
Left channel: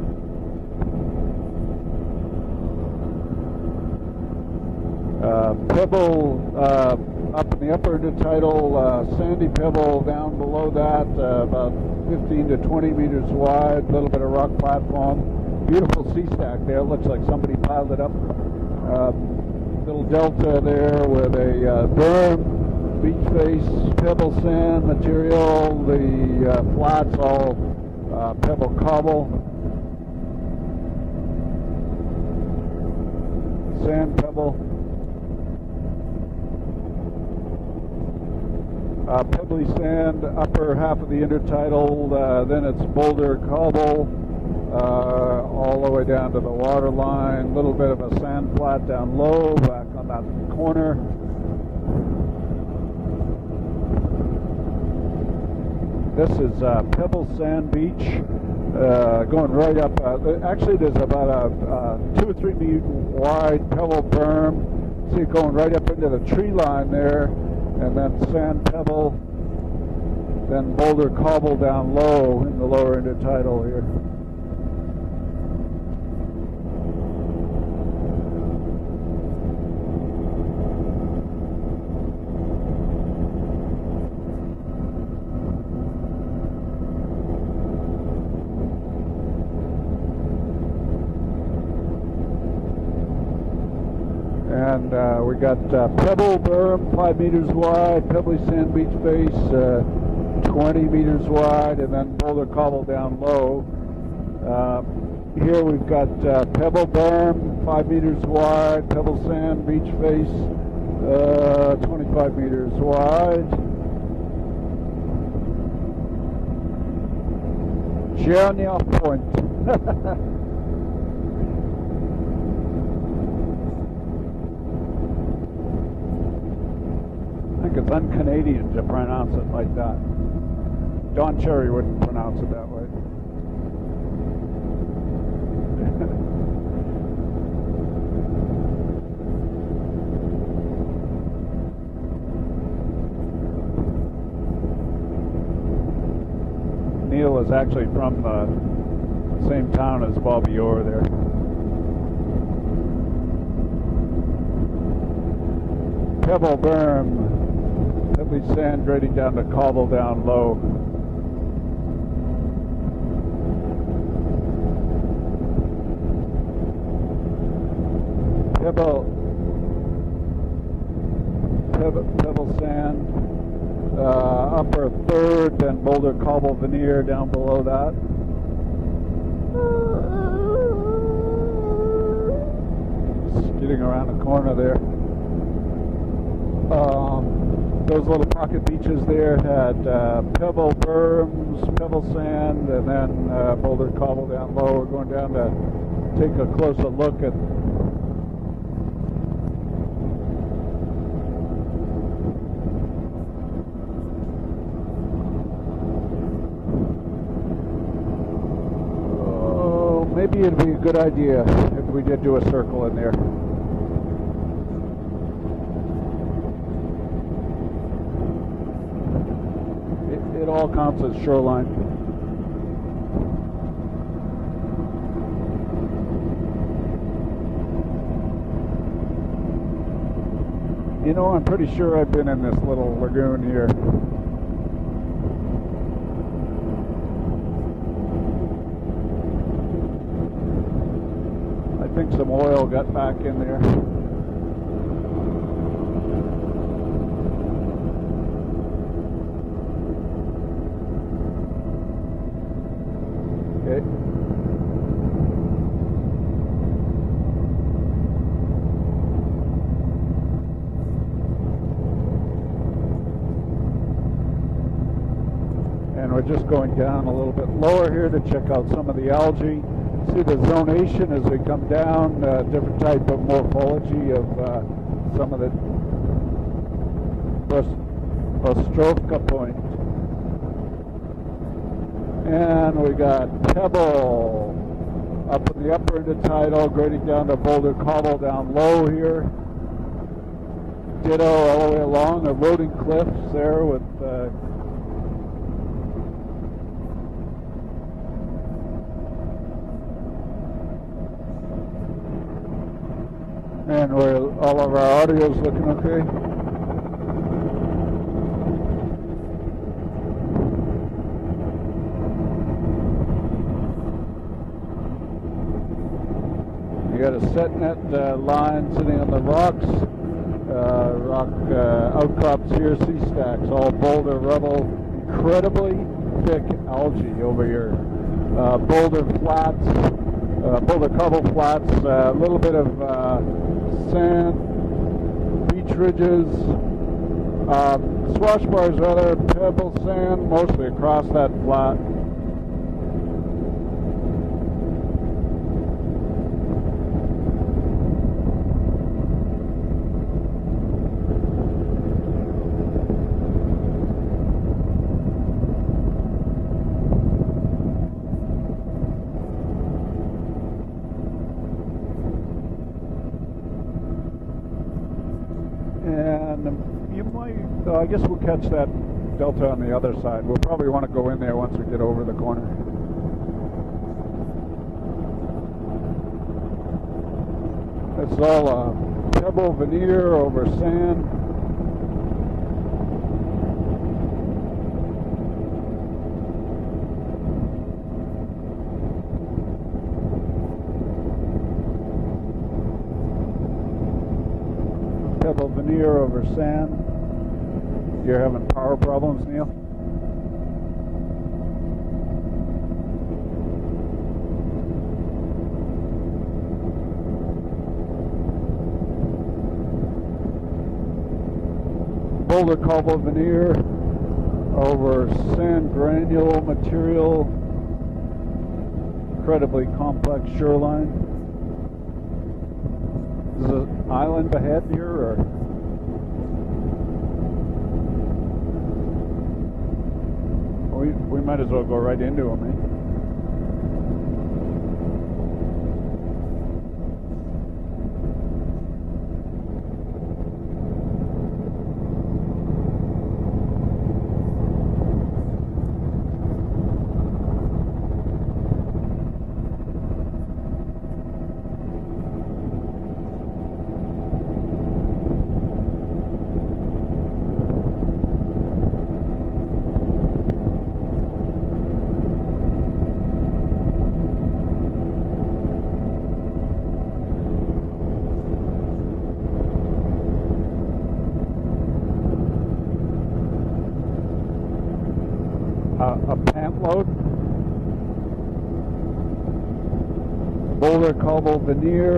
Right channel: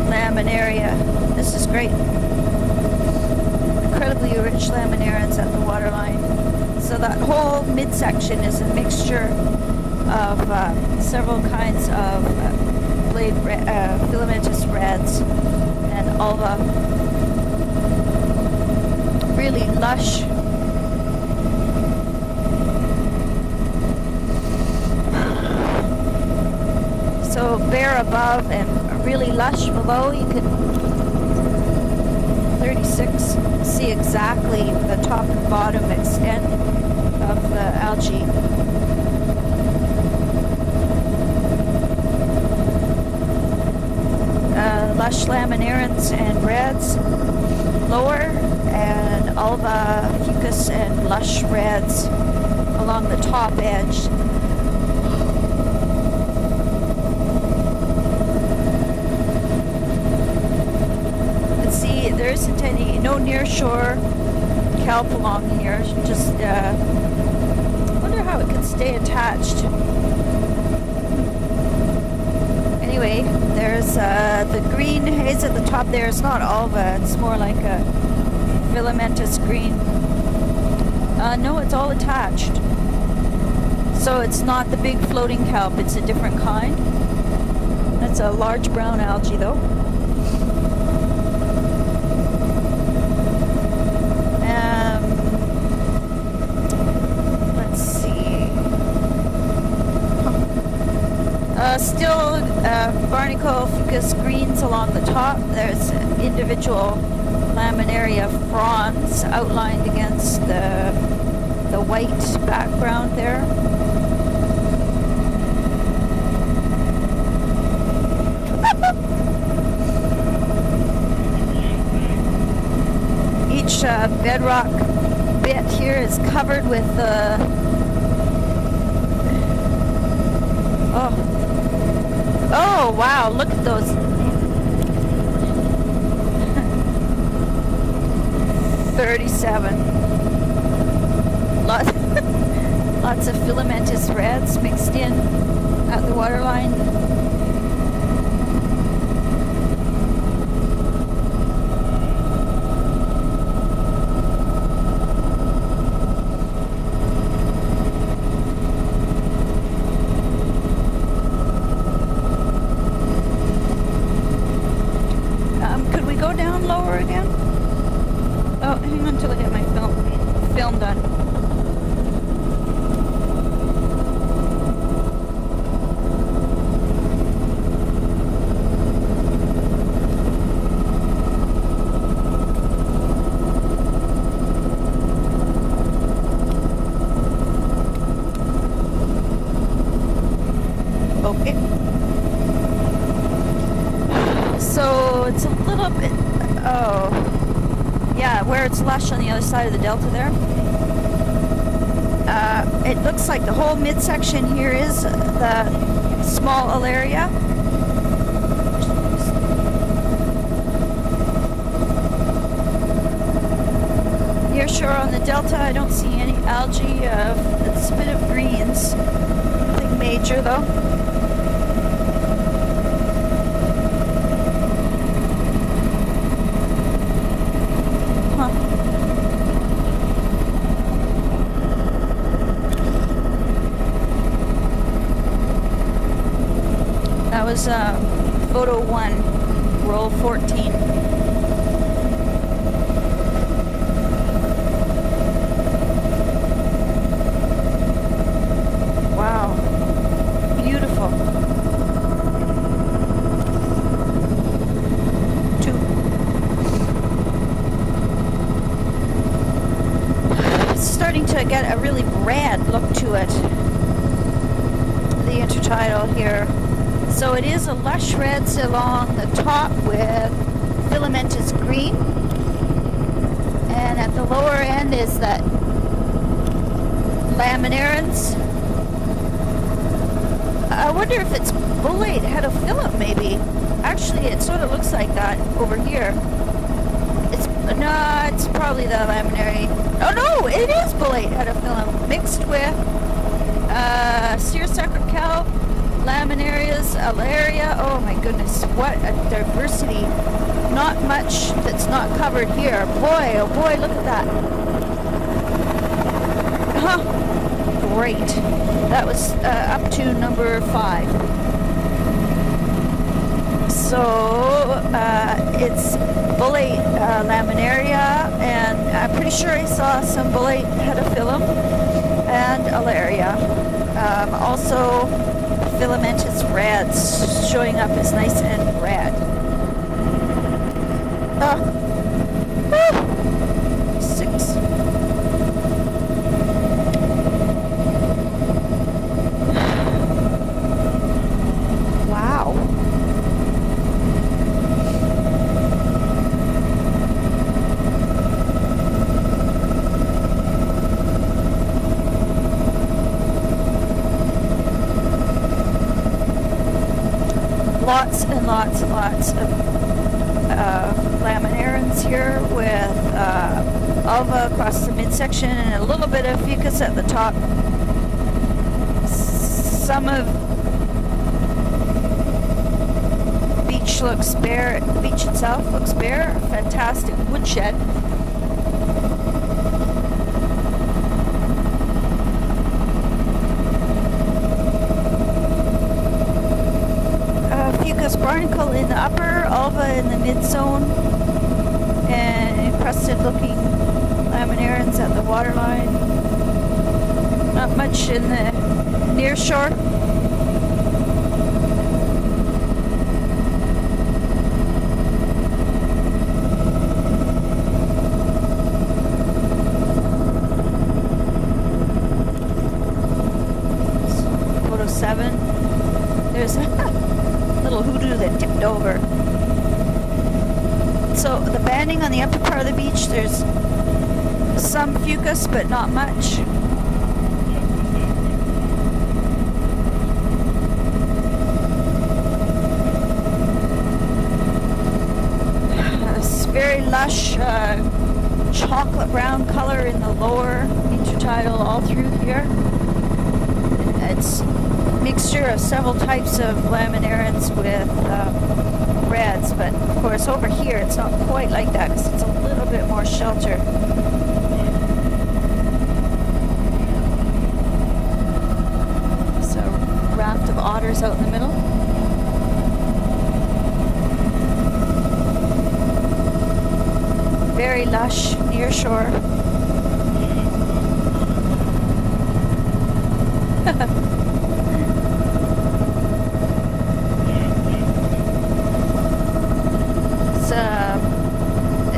laminaria. This is great. Incredibly rich laminarians at the waterline. So that whole midsection is a mixture of several kinds of filamentous reds and ulva. Really lush. Delta there with a burn, deep space, pebble sand material, the flat. So bare above and really lush below. You can 36 see exactly the top and bottom extent of the algae. Pebbly sand, upper half of the intertidal, then it's boulder cobble. Lush laminarians and reds, lower, and ulva, fucus, and lush reds along the top edge. This is Pebble Sand Beach, going right up. Actually, there's about a. Let's see, there isn't any, no near shore kelp along here. Just, I wonder how it can stay attached. Then boulder cobble down low. Anyway, there's the green haze at the top there. It's not ulva, it's more like a filamentous green. No, it's all attached. So it's not the big floating kelp, it's a different kind. It's a large brown algae though. And we got pebble berm, 5 meters wide, pebble sand beach space, 20 meters wide. Still barnacle fucus greens along the top. There's individual laminaria fronds outlined against the white background there. Each bedrock bit here is covered with oh wow, look at those. $37. Lots of filamentous reds mixed in at the waterline. Neil was actually from the same town as Bobby Orr there. Pebble berm, pebbly sand grading down the cobble down low. Could we go down lower again? Oh, hang on until I get my film done. Pebble sand, upper third, then boulder cobble veneer down below that. Getting around the corner there. Those little pocket beaches there had pebble berm, pebble sand, and then boulder cobble. So it's a little bit. Yeah, where it's lush on the other side of the delta there. It looks like the whole midsection here is the small alaria. Maybe it'd be a good idea if we did do a circle in there. Near shore on the delta, I don't see any algae. It's a bit of greens. Nothing major though. All down to the shoreline. You know, I'm pretty sure I've been in this little lagoon here. That was photo 1, roll 14. I think some oil got back in there. Wow. Beautiful. Okay. 2. It's starting to get a really red look to it. The intertidal here. So it is a lush reds along the top with filamentous green. And at the lower end is that laminarians. I wonder if it's bullate head of Phillip, maybe. Actually, it sort of looks like that over here. It's probably the laminary. Oh no, it is bullate head of Phillip, mixed with seersucker kelp, laminarias, alaria. Oh my goodness, what a diversity. Not much that's not covered here. Boy, oh boy, look at that. All of our audio is looking okay. Great. That was up to number 5. So it's bullate laminaria, and I'm pretty sure I saw some bullate pedophyllum and alaria. Also filamentous rads showing up as nice and rad. Pull the couple flats, a little bit of sand, 6. ridges, brushwork, rather, pebble sand, mostly across that flat. Wow. Lots and lots and lots of laminarans here with alva across the midsection and a little bit of fucus at the top. So I guess we'll catch that delta on the other Some side. We'll probably want to go in there once we get over the corner. Beach looks bare. The beach itself looks bare. Fantastic woodshed. As well, pebble veneer over sand. Fucus barnacle in the upper, alva in the mid-zone, and encrusted looking laminarans at the waterline. Not much in the near shore. Boulder cobble veneer. Over 7. There's a little hoodoo that tipped over. Incredibly complex shoreline. So the banding on the upper part of the beach, there's some fucus, but not much. We might as well go right into it. This very lush chocolate brown color in the lower intertidal all through here. It's a mixture of several types of laminarans with reds, but of course over here it's not quite like that because it's a little bit more sheltered. So raft of otters out in the middle. Very lush near shore. A pant load.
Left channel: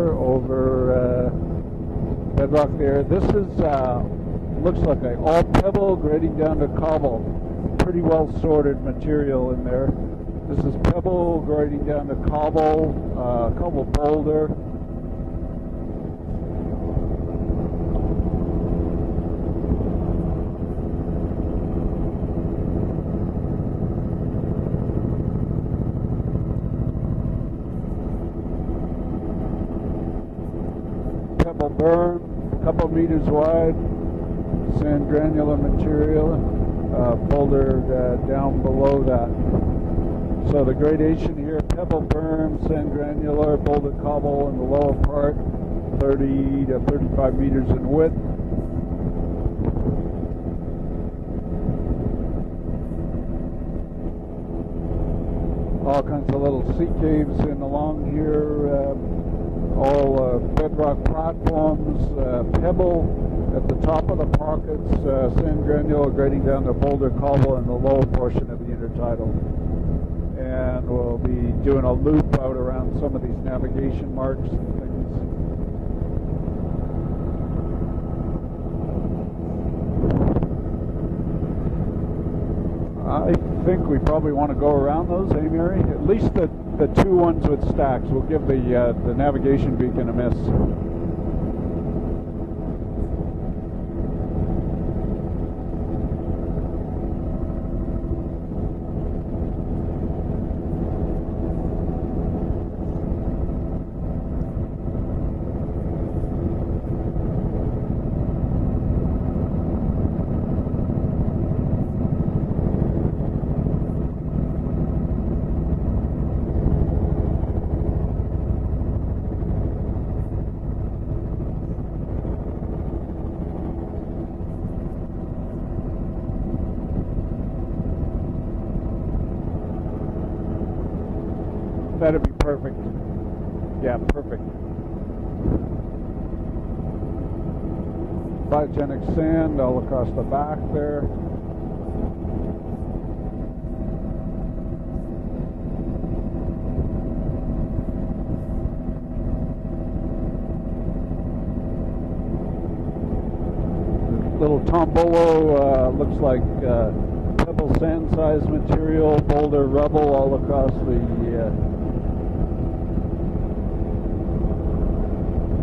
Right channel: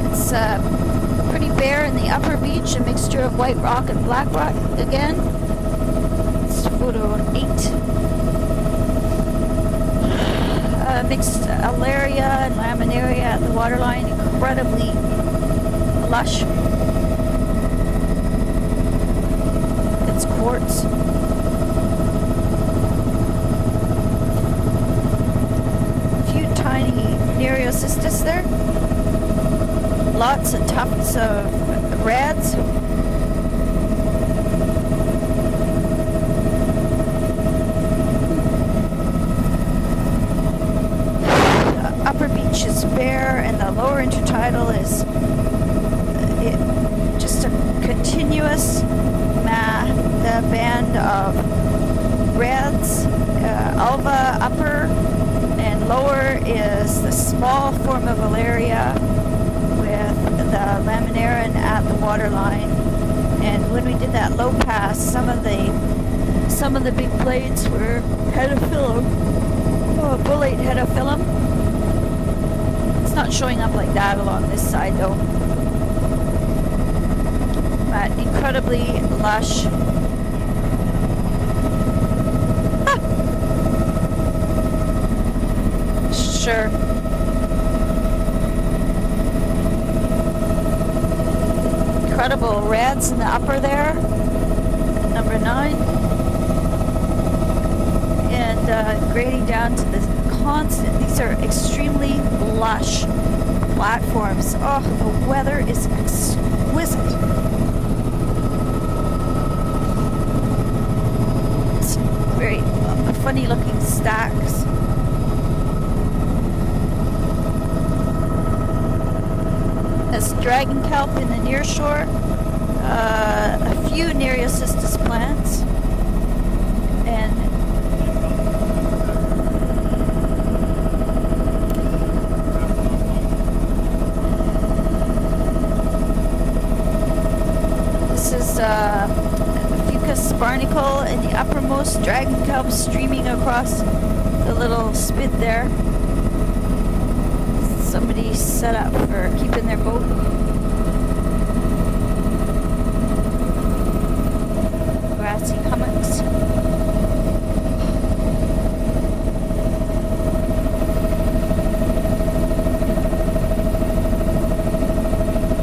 It's pretty bare in the upper beach, a mixture of white rock and black rock again. All pebble right down the Photo 8. Pretty well sorted material in there. Mixed alaria and laminaria at the waterline, incredibly lush. It's quartz. A few tiny Nereocystis there. Lots of tufts of reds. A couple meters wide. And granular material. Boulders down below that. So the grade H. The upper beach is bare and the lower intertidal is just a continuous the band of reds, alva upper, and lower is the small form of alaria with the laminaran at the waterline. And when we did that low pass, some of the big blades were hedophyllum, bullate hedophyllum. It's not showing up like that along this side though. But incredibly lush. I think we probably want to go around those, Mary. At least sure. The 2 1-foot stacks will give the navigation beacon a miss. Incredible reds in the upper there. Number 9. And grading down to this constant. These are extremely lush platforms. Oh, the weather is exquisite. It's very funny looking stacks. There's dragon kelp in the near shore, a few Nereocystis plants, and that is perfect. Yeah, perfect. this is Fucus barnacle in the uppermost, dragon kelp streaming across the little spit there. Somebody set up for keeping their boat. Little tombolo, looks like pebble sand-sized material, boulder rubble all across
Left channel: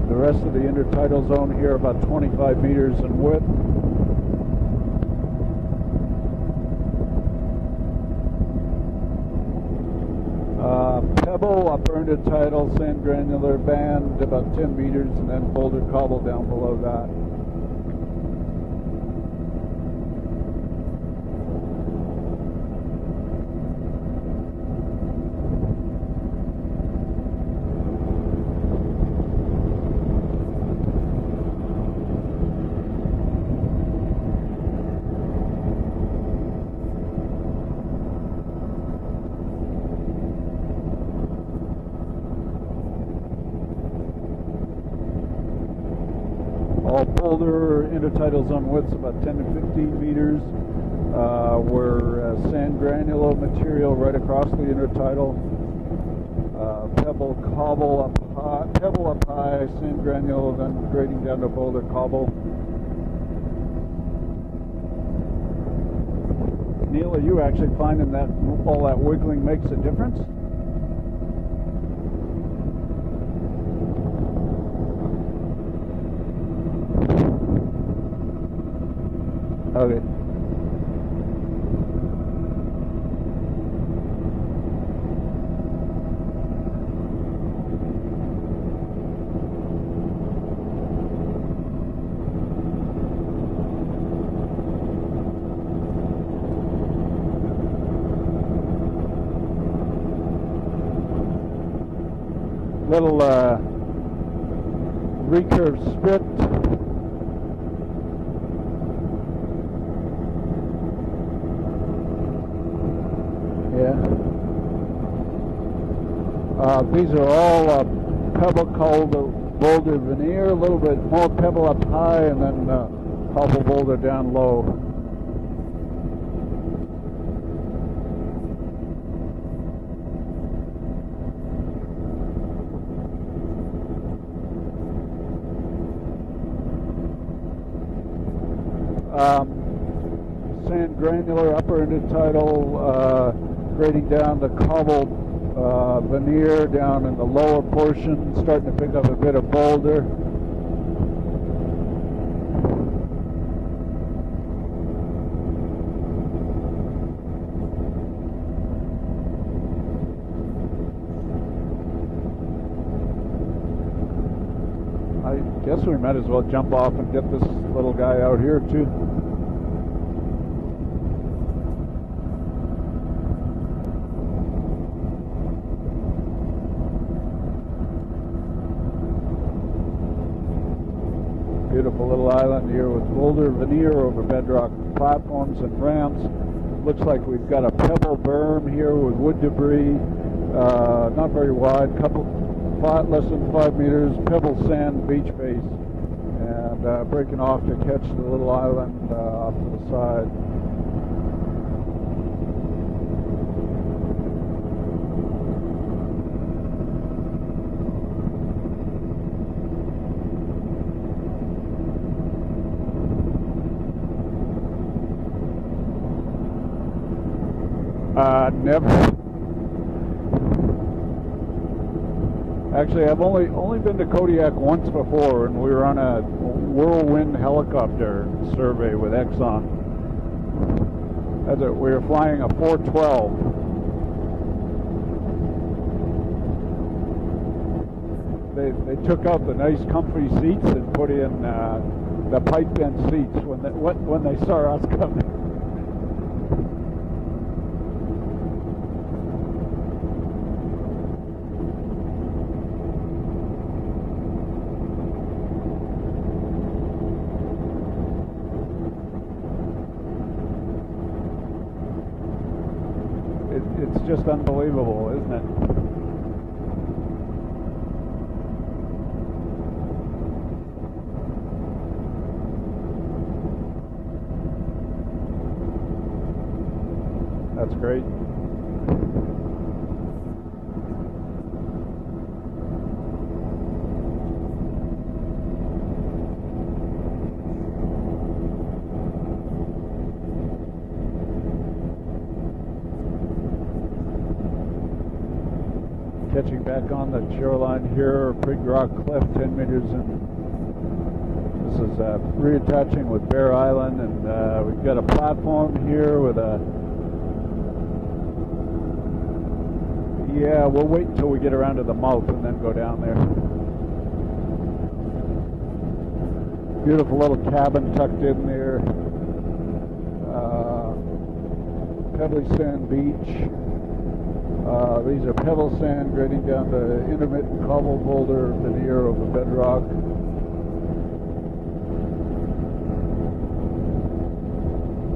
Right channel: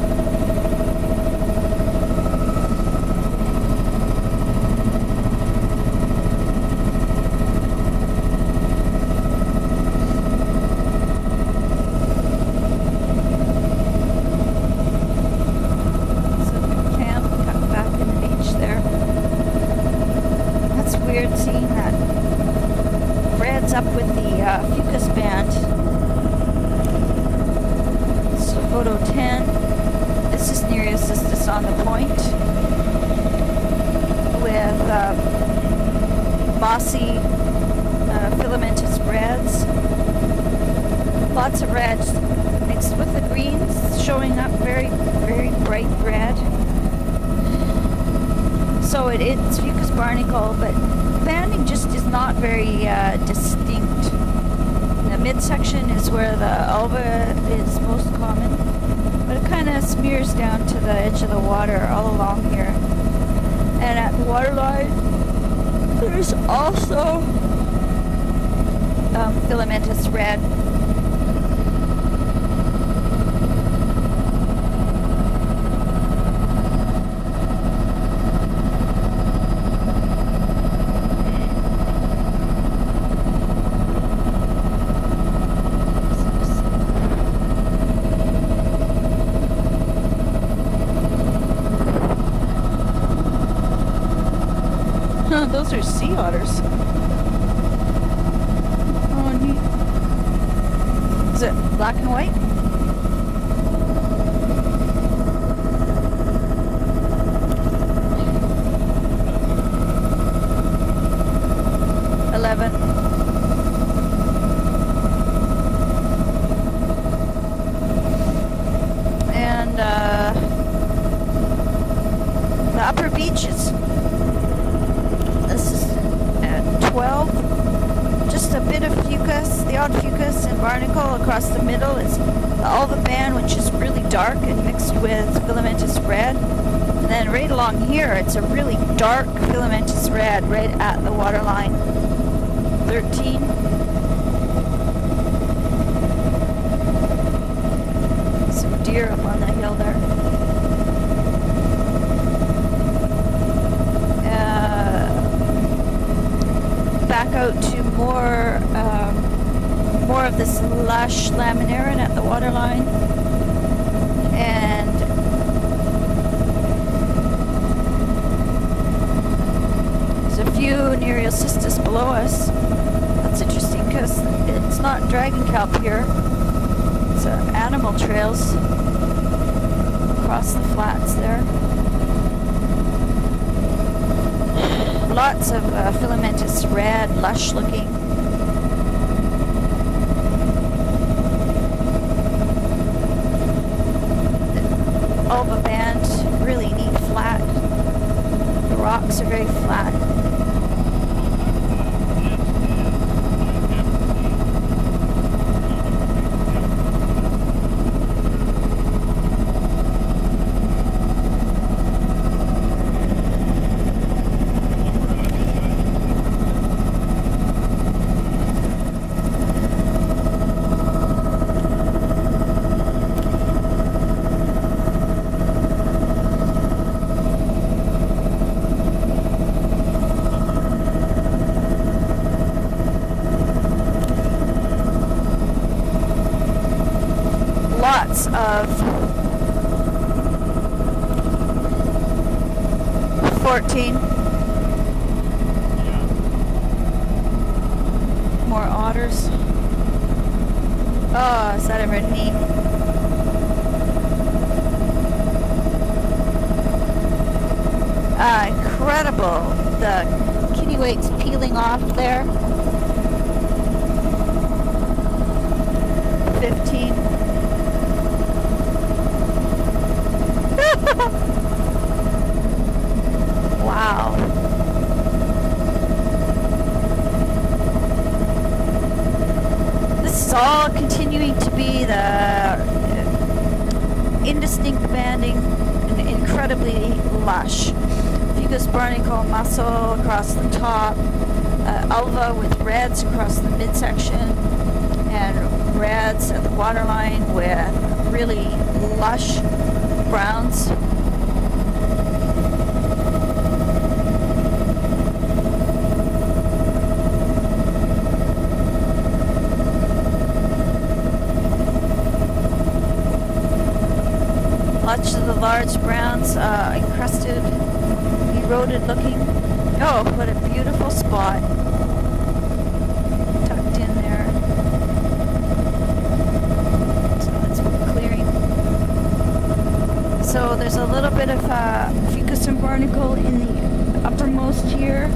the rest of the intertidal zone here, about 25 meters in width. Upper intertidal, sand granular band, about 10 meters, and then boulder cobble down below that. Camp cut back in the beach there. That's weird seeing that. Brad's up with the Fucus band. So photo 10. This is Nereocystis on the point with mossy filamentous brads. Lots of reds mixed with the greens, showing up very, very bright red. All boulder intertidal zone. So it's Fucus barnacle, but banding just is not very distinct. The midsection is where the alba is most common, but it kind of smears down to the edge of the water all along here. And at the waterline, there's also filamentous red. Those are sea otters. Oh, neat. Is it black and white? Little research strip. These are all pebble boulders and a little bit more pebble up high, and then the upper beaches. Boulder down low. This is at 12. Just a bit of Fucus, the odd Fucus and barnacle across the middle. It's the alba band, which is really dark and mixed with filamentous red. And then right along here, it's a really dark filamentous red right at the waterline. 13. Grading down the cobble veneer down in the lower portion, starting to pick up a bit of boulder. Back out to more of this lush laminarin at the waterline, and I guess we might as well jump off and get this little guy out here too. There's a few Nereocystis below us. That's interesting because it's not dragon kelp here. It's animal trails across the flats there. Beautiful little island here with boulder veneer over bedrock. Lots of filamentous red, like lush got looking. A pebble berm here with wood debris, not very wide, couple flat, less than 5 meters, pebble sand beach. Alba band, really neat flat. The rocks are very flat. Never. Actually, I've only been to Kodiak once before, and we were on a whirlwind helicopter survey with Exxon. That's that we were flying a 412. Lots of We took out the nice comfy seats and put in the pipe end seats. 14. When they start up. more otters. Oh, is that ever neat? Incredible. The kitty wait's peeling off there. It's just unbelievable, isn't it? 15. Wow. That's great. This is all continuing to be the indistinct banding and incredibly lush. Fucus barnacle mussel across the top, alva with reds across the midsection, and reds at the waterline with really lush browns. Reattaching with Bear Island, and we've got a platform here with we'll wait until we get around to the mouth and then go down there. Lots of the large browns, Beautiful encrusted, little cabin tucked in eroded there. looking. Oh, what a beautiful spot Covered sand beach. tucked in there. These are pebble sand ready down the intimate bubble clearing. holder in the ear of the bedrock. So there's a little bit of fucus and barnacle in the uppermost here,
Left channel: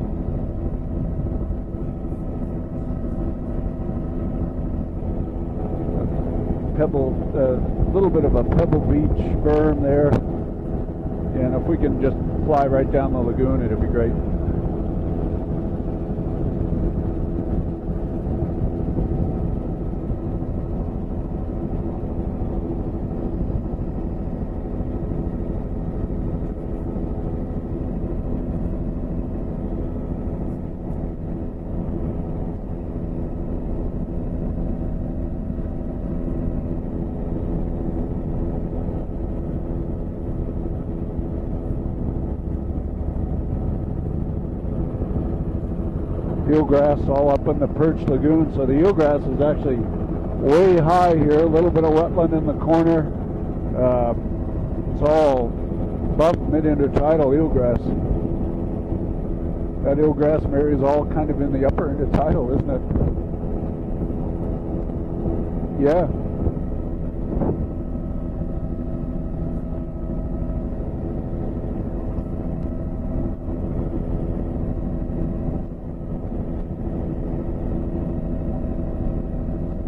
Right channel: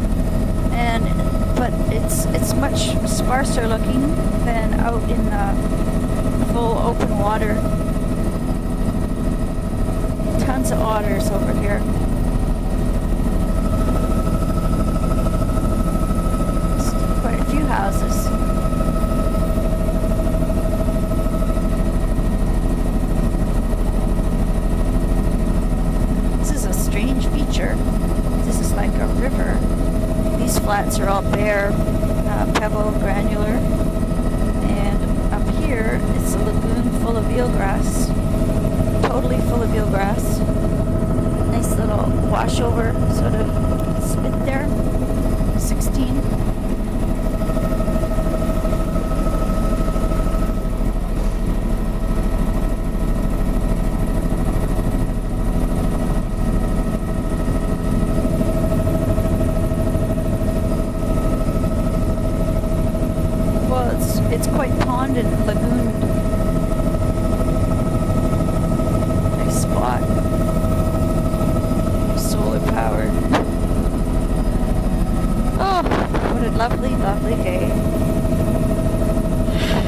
but it's much sparser looking than out in the full open water. A little bit of a pebble beach berm there. Tons of otters over And if here. we can just fly right down the lagoon, it's great. Quite a few houses. This is a strange feature. This is like a river. These flats are all bare, pebble, granular. And up here, it's a lagoon full of eelgrass. Totally full of eelgrass. Nice little washover sort of spit there. 16. Eelgrass all up in the perch lagoon, so the eelgrass is actually way high here. A little bit of wetland in the corner. It's all buff mid-intertidal eelgrass. That eelgrass area is all kind of in the upper intertidal, isn't it? Well, it's quite pond and lagoon. Yeah. Nice spot. Solar powered. Oh, what a lovely, lovely day.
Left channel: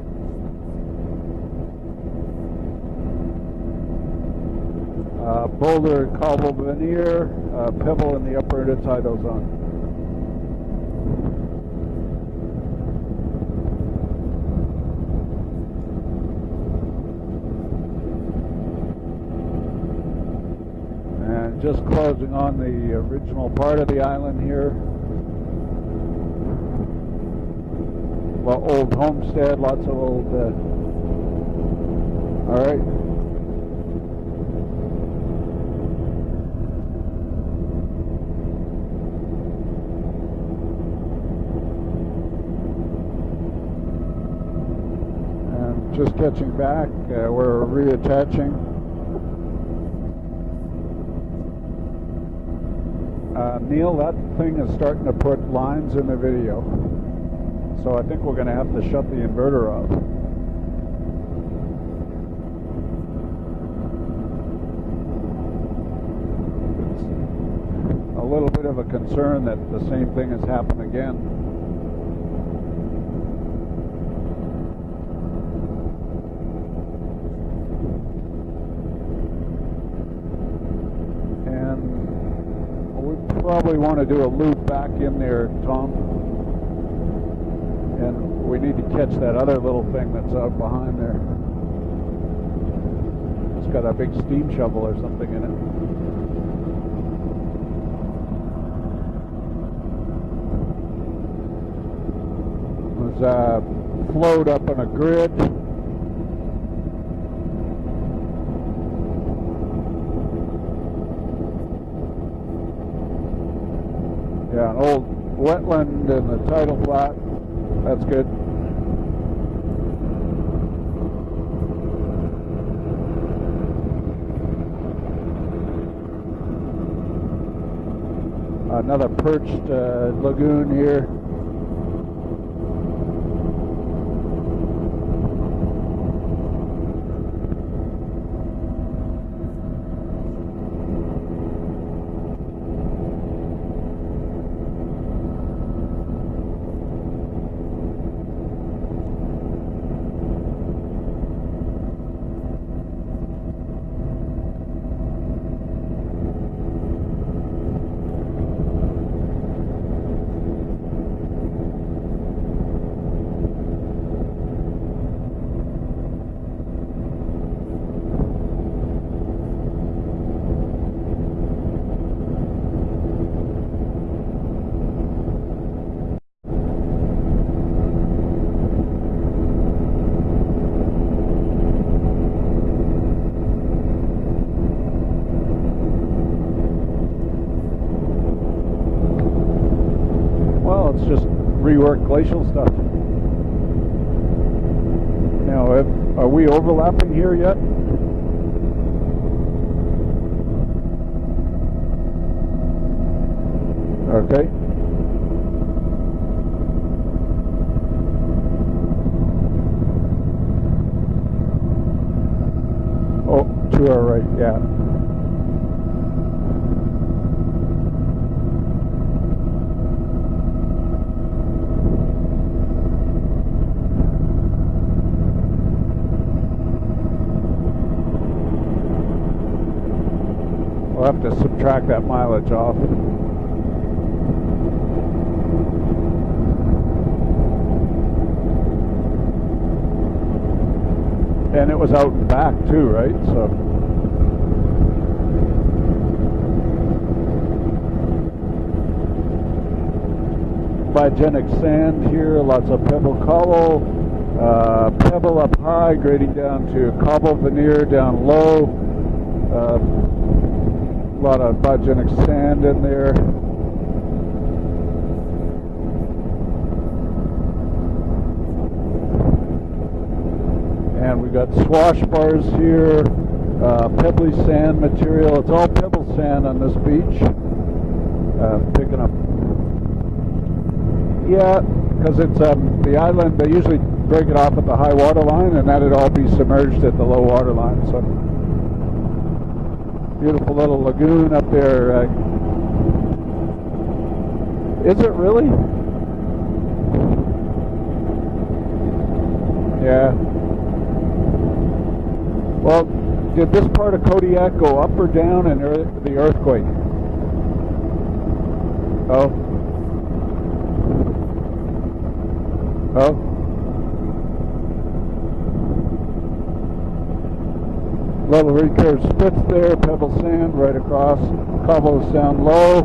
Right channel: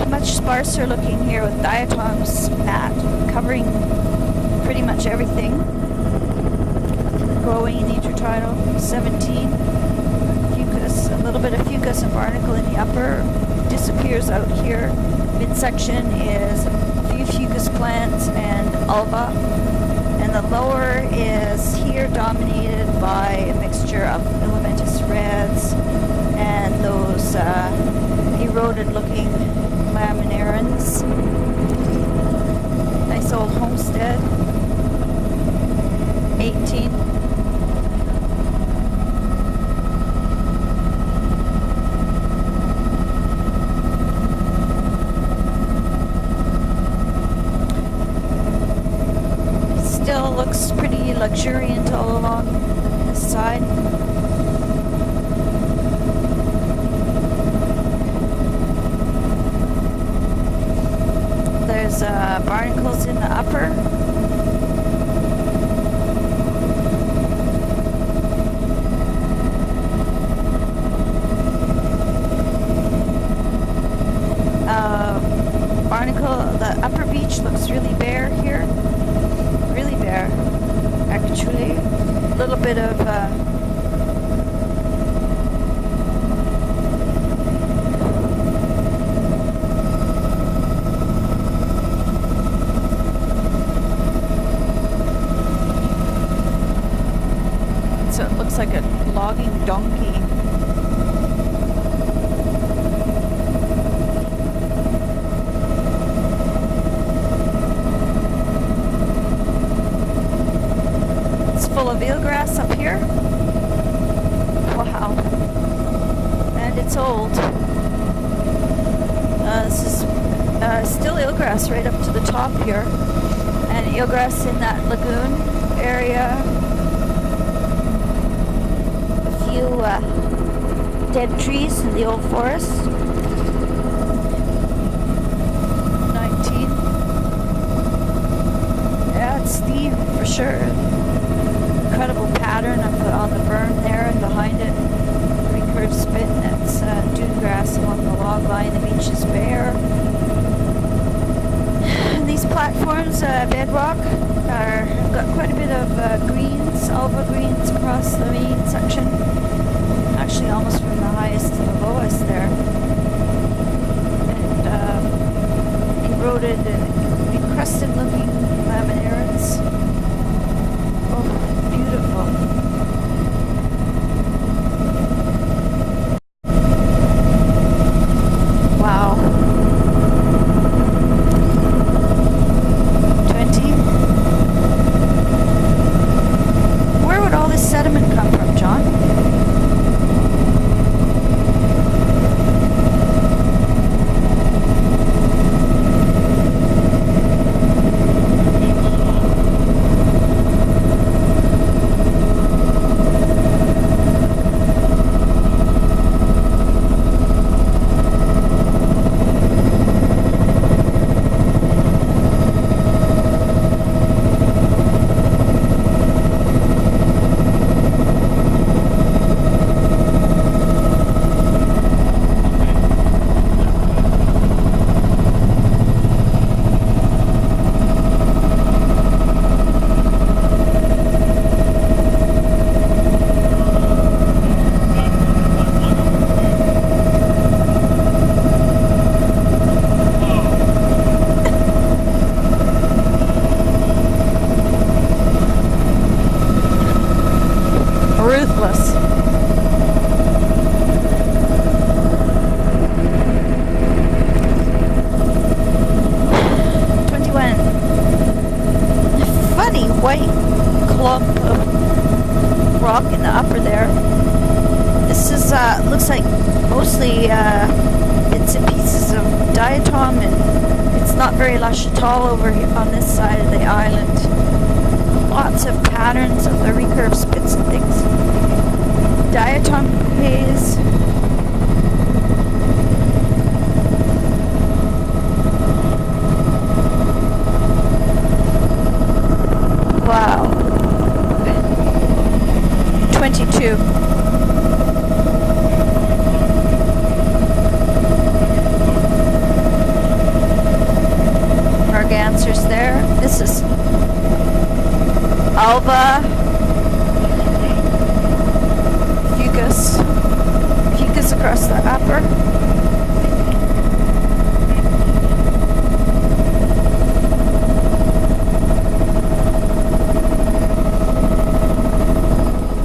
Much sparser looking here with diatoms mat covering pretty much everything. Boulder and cobble veneer. Growing intertidal, 17. Fucus, a little bit of fucus and barnacle in the upper. Disappears out here. Midsection is a few fucus plants and alba. And the lower is here dominated by a mixture of filamentous reds and those eroded looking laminarans. All right. Nice old homestead. 18. Just stretching back, we're reattaching. Still looks pretty luxuriant all along this side. Neil, that thing is starting to put lines in the video. So I think we're going to have to shut the inverter off. There's barnacles in the upper. A little bit of a concern that the same thing has happened again. Barnacle, the upper beach looks really bare here. Really bare, actually. A little bit of Probably want to do a loop back in there, Tom. We need to catch that other little thing that's out behind there. It's got a big steam shovel or something in it. so it looks like a logging donkey. Float up in a grid. It's full of eelgrass up here. Yeah, Wow. wetland in the south. And it's old. That's good. This is still eelgrass right up to the top here. And eelgrass in that lagoon area. Another person lagoon here. Dead trees in the old forest. 19. Yeah, it's Steve for sure. Incredible pattern I put on the berm there and behind it. Recurve spit, and that's dune grass along the log line. The beach is bare. And these platforms, bedrock, have got quite a bit of greens, alba greens across the main section. Actually, almost from the highest to the lowest there. And eroded, encrusted looking laminaires. Oh, beautiful. Wow. 20. Where would all this sediment come from, John? Well, it's just reworked glacial stuff. Now, are we overlapping here yet? Okay. Oh, to our right, yeah. We'll have to subtract that mileage off. And it was out fast too, right? So Ruthless. biogenic sand here, lots of pebble cobble, pebble up high, grading down to cobble veneer down low. Funny white clump A lot of of biogenic sand in rock there. in the upper there. This is looks like mostly bits and pieces of diatom, and it's not very lush at all over here on this side of the heavy island. sand material. Lots of patterns of the recurve spits and things. Diatom haze. Yeah, because if the island, they usually break it off at the high water line, and that would all be submerged at the low water line. So Wow. a little lagoon up there. 22. Is it really? Yeah. Mergansers there. This Did is this part of Kodiak go up or down? And Alva. Earthquake. Oh, fucus. Fucus across the upper. oh. Little recurve spits there, pebble sand right above, cobbles down low,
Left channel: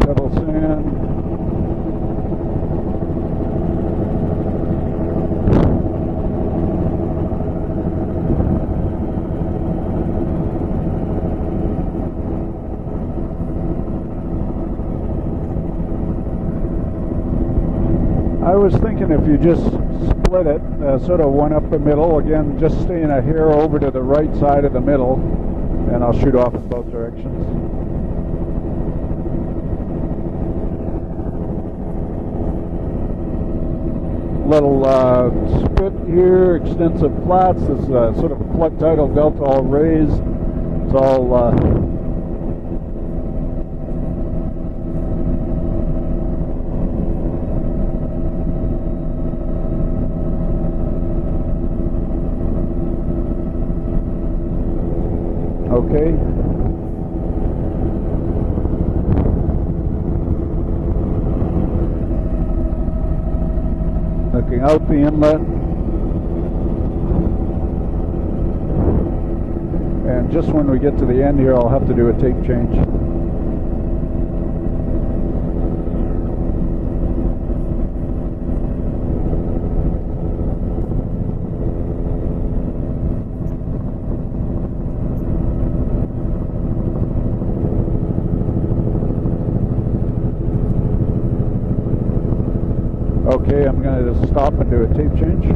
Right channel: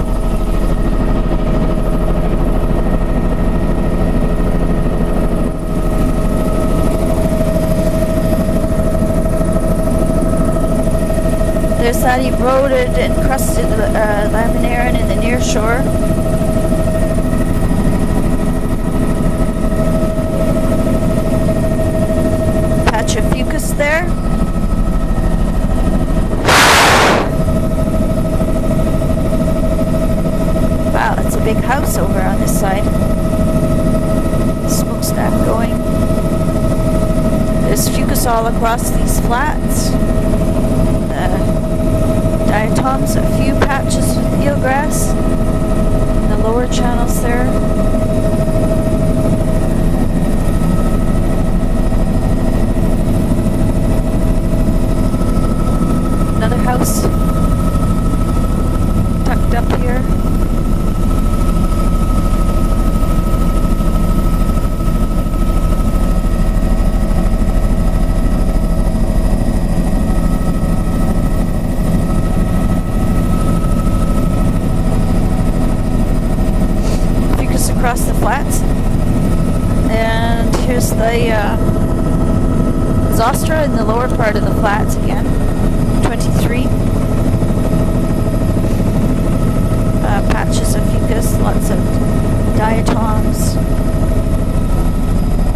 pebble sand. There's that eroded and crusted laminaire in the near shore. I was thinking if you just put a one up the middle, again, just Patch swing of a hair fucus over there. to the right side of the middle, and I'll shoot off. Wow, that's a big house over on this side. Little Smokestack going. here, extensive flats. There's fucus all across these flats. Diatoms, a few patches of eelgrass in the lower channels there. Okay. Another house tucked up here. Looking out the inlet. And just when we get to the end here, I'll have to do a tape change. Fucus across the flats. And here's the Zostra in the lower part of the flats again. 23. Patches of fucus. diatoms. Okay, I'm going to stop and do a tasting.